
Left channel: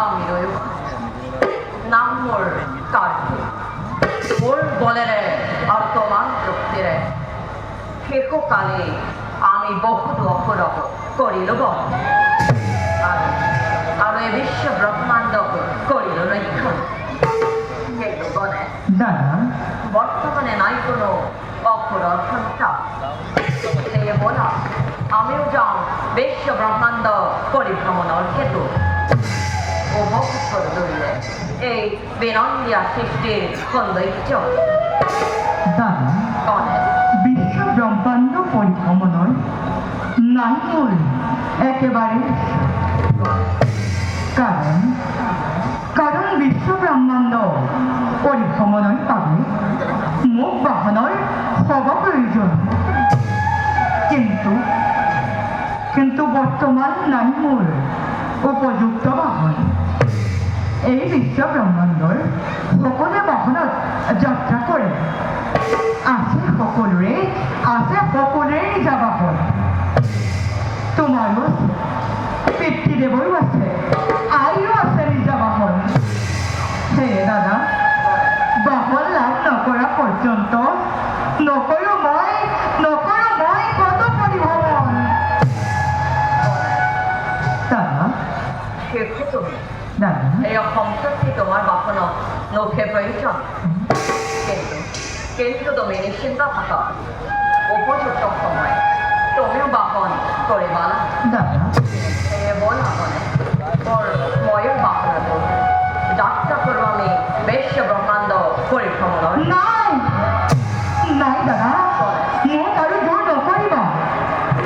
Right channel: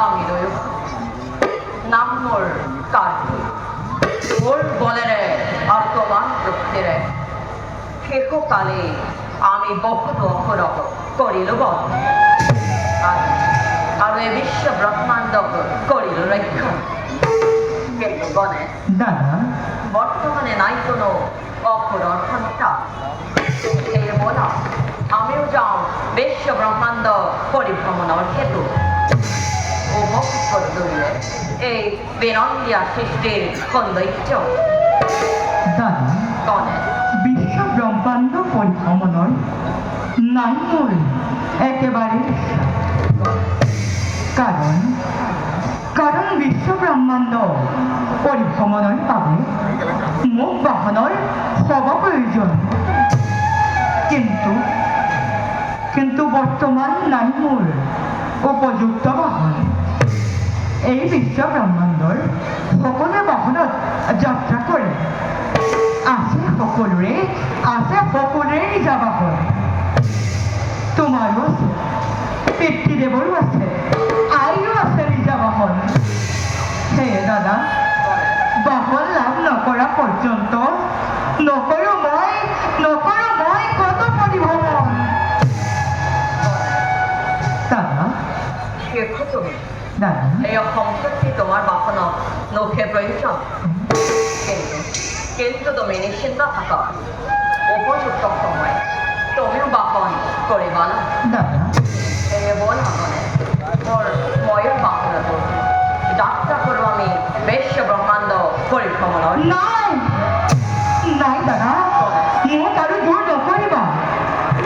আমি রয়েছি নাম মোর কার্তিক মোর বলেরে আর তোমার প্রত্যেরে সেকো কালে আমি বহুত অপরপ করিল বল আর এই বিশ্ব ব্রহ্মাণ্ড করিল রক্ষা কিন্তু গণে দাদা বর্তমানে নাই কোনো অপর অর্থটা এই বলা আমিও যাও বিশ্ব ব্রহ্মাণ্ড পরিভ্রমণ অর্থেতু ও ভক্তি করে দৌড়ে এই বেনন্দিয়া সৃষ্টির সৌন্দর্য দাদা গণে বিশ্ব ব্রহ্মাণ্ড পৰিভ্ৰমণৰ নাম মোৰ একেবাৰে কাৰণ কাৰণ বিশ্ব ব্ৰহ্মাণ্ড পৰিভ্ৰমণৰ বাবে মোক বাহনৰ সব প্ৰয়োজন কিন্তু বৰ্তমান নাই মোৰ উপযুক্ত বাহন এই বিশ্ব ব্ৰহ্মাণ্ডৰ সকলো বাহনত যাত্ৰা কৰে আছে সকলোৰে নিজা বাহন তোমাৰো আছে পিতৃদেৱৰো আছে আইৰো আছে নিজা বাহন সেয়ে দাদা বাহন লাভ নকৰা পৰ্যন্ত নকৰো মই কত পৰিভ্ৰমণ দাদা শেখো তুমি দাদা এই সম্পত্তি তোমার বাহন নৌকে প্রয়োজন কিন্তু তুমি নিশ্চিন্ত থাকা উপযুক্ত সময় তোমার বাহন করে বল দাদা বল আপনে তোর ময়ূর বাহন যাত্রা করবো আমি বিশ্ব ব্রহ্মাণ্ড পরিভ্রমণ নাই দাদা মোক আৰু দূৰ নকৰিবা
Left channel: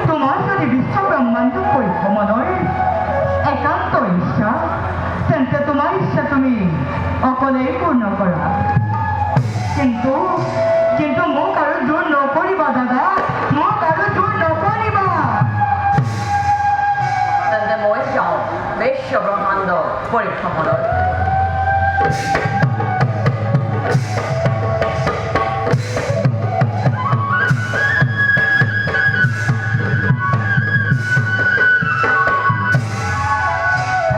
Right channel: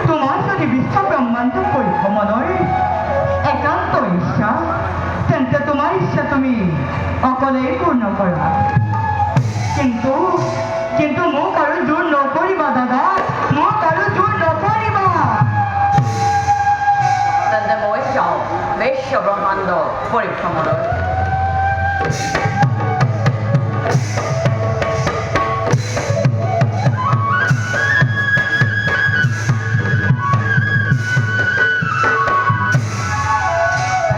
তোমাৰ যদি বিশ্ব ব্ৰহ্মাণ্ড পৰিভ্ৰমণৰ একান্ত ইচ্ছা তেন্তে তোমাৰ ইচ্ছা তুমি অকলেই পূৰ্ণ কৰা কিন্তু মোক আৰু দূৰ নকৰিবা দাদা মোক আৰু দূৰ নকৰিবা তেন্তে মই যাওঁ বিশ্ব ব্ৰহ্মাণ্ড পৰিভ্ৰমণত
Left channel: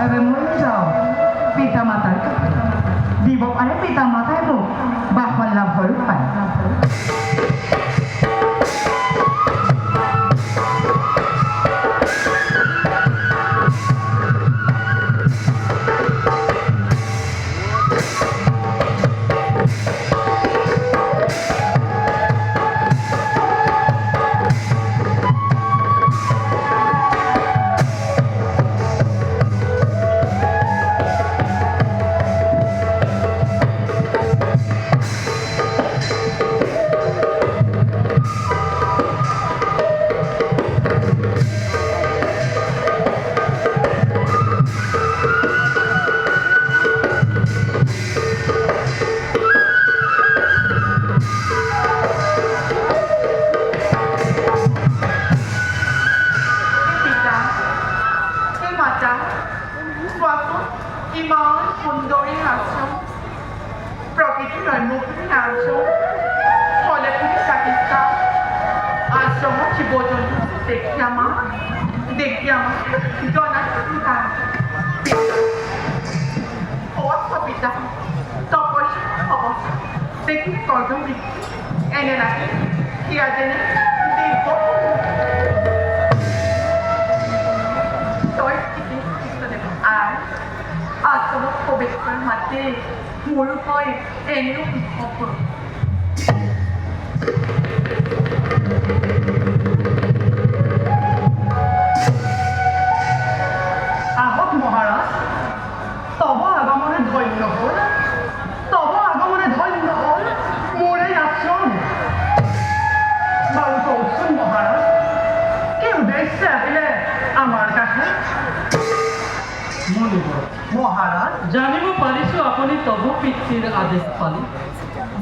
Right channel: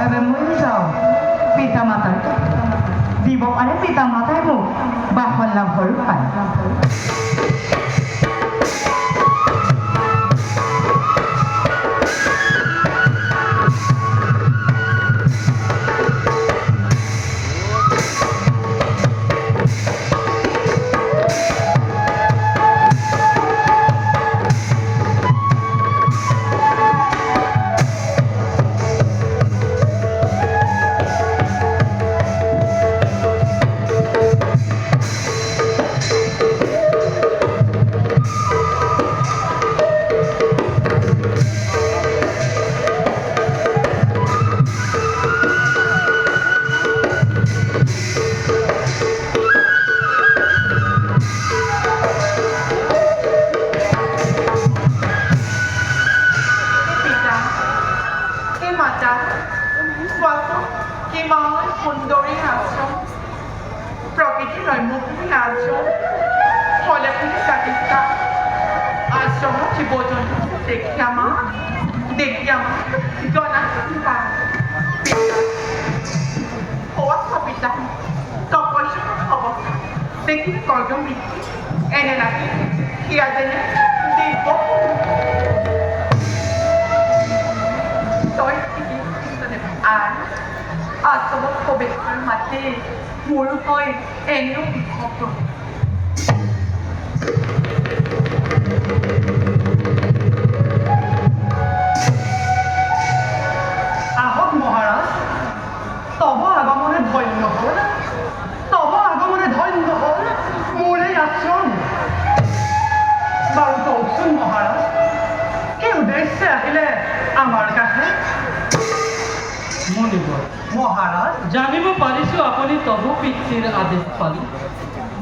এবাৰ মই যাওঁ পিতা মাতাৰ দিব পাৰে পিতা মাতাই মোক বাহন লাভৰ পায় পিতা এই মাতা কোৱাচোন কিমান সুন্দৰী আশ্ৰম প্ৰকৃতিলৈ মুক্তি আশ্ৰম ফলখিনি চাকিতা আশ্ৰমত জীৱ জন্তু দেখি আমাৰ গণা পিতা তপস্য হ'ব দেখি কৰ্ম এনে লাগে সিয়া যেনে দিব আশ্রমত পবিত্র হাতে মূল হয় এনেও বিভক্ত আহক মহারাজ তব আগমনে ধন্য হল মোর এই আশ্রম বাৰু কওকচোন মহাৰাজ কি উদ্দেশ্যে আহিলে আমাৰ কাছে মনিব মহাৰাজ জানিব পাৰিছো আপুনি তব পিতৃৰ আদেশ পালি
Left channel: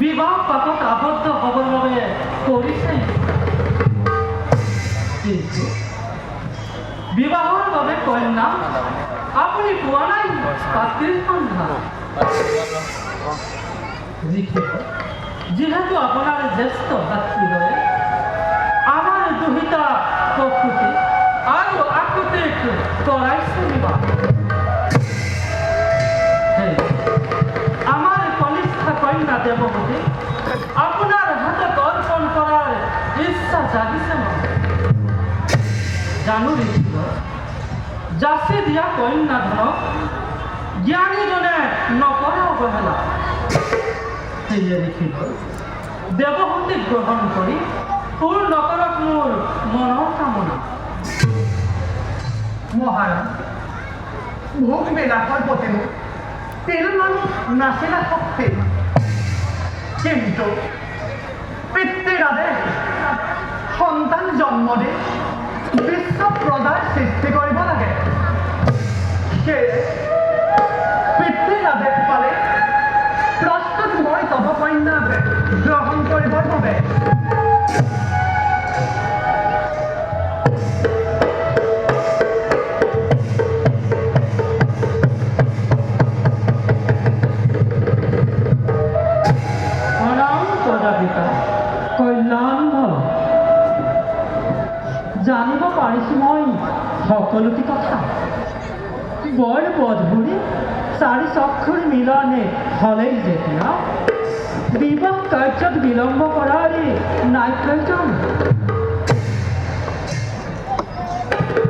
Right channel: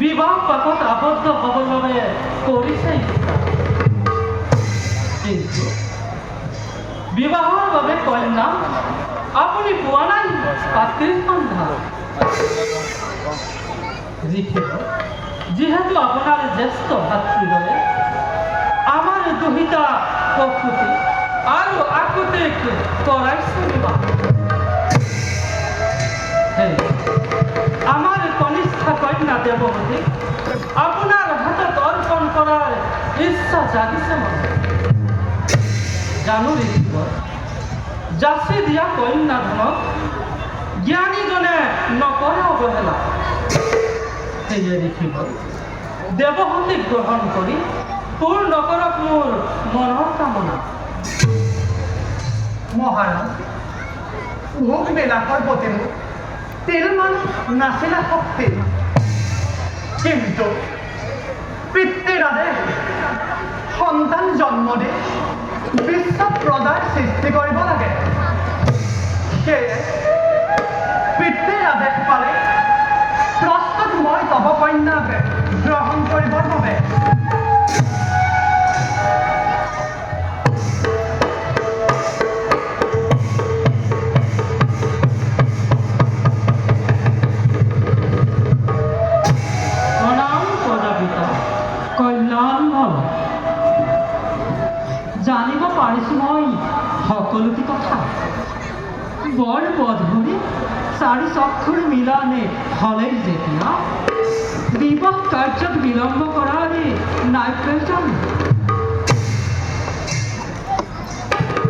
বিবাহ পাতত আবদ্ধ হ'বৰ বাবে কৰিছে কিন্তু বিবাহৰ বাবে কন্যা আপুনি পোৱা নাই পাত্ৰীৰ সন্ধান যিহেতু আপোনাৰ জ্যেষ্ঠ ভাতৃদ্বয়ে আমাৰ দুহিতা প্ৰকৃতি আৰু আকুতিক কৰাইছে বিবাহ। আমাৰ কনিষ্ঠা কন্যা দেৱহতী আপোনাৰ হাতত অৰ্পণ কৰাৰ ইচ্ছা জাগিছে মনত। জানো ঋষিবৰ, যাচি দিয়া কন্যাধনক জ্ঞানীজনে নকৰা অৱহেলা। সেয়ে ঋষিবৰ, দেৱহতীক গ্ৰহণ কৰি পূৰ্ণ কৰক মোৰ মনৰ কামনা। মহাৰাজ ভোগ বিলাসৰ প্ৰতি তিলমান নাছিলে শক্তি, কিন্তু পিতৃৰ আদেশ সন্তান জন্ম দি বিশ্বত প্ৰজাৰ সৃষ্টি কৰিব লাগে। সেয়ে পিতৃৰ আদেশ পালে প্ৰস্তুত মই তব কন্যাক গ্ৰহণ কৰিবৰ বাবে। কল্যাণ ভাল জানিব পাৰিছো মই সকলোটি কথা। বৰ বধুৰি চাৰি চক্ষুৰ মিলনে হলেই যেতিয়া বিবাহ কাৰ্যত বিলম্ব কৰাৰ নাই প্ৰয়োজন।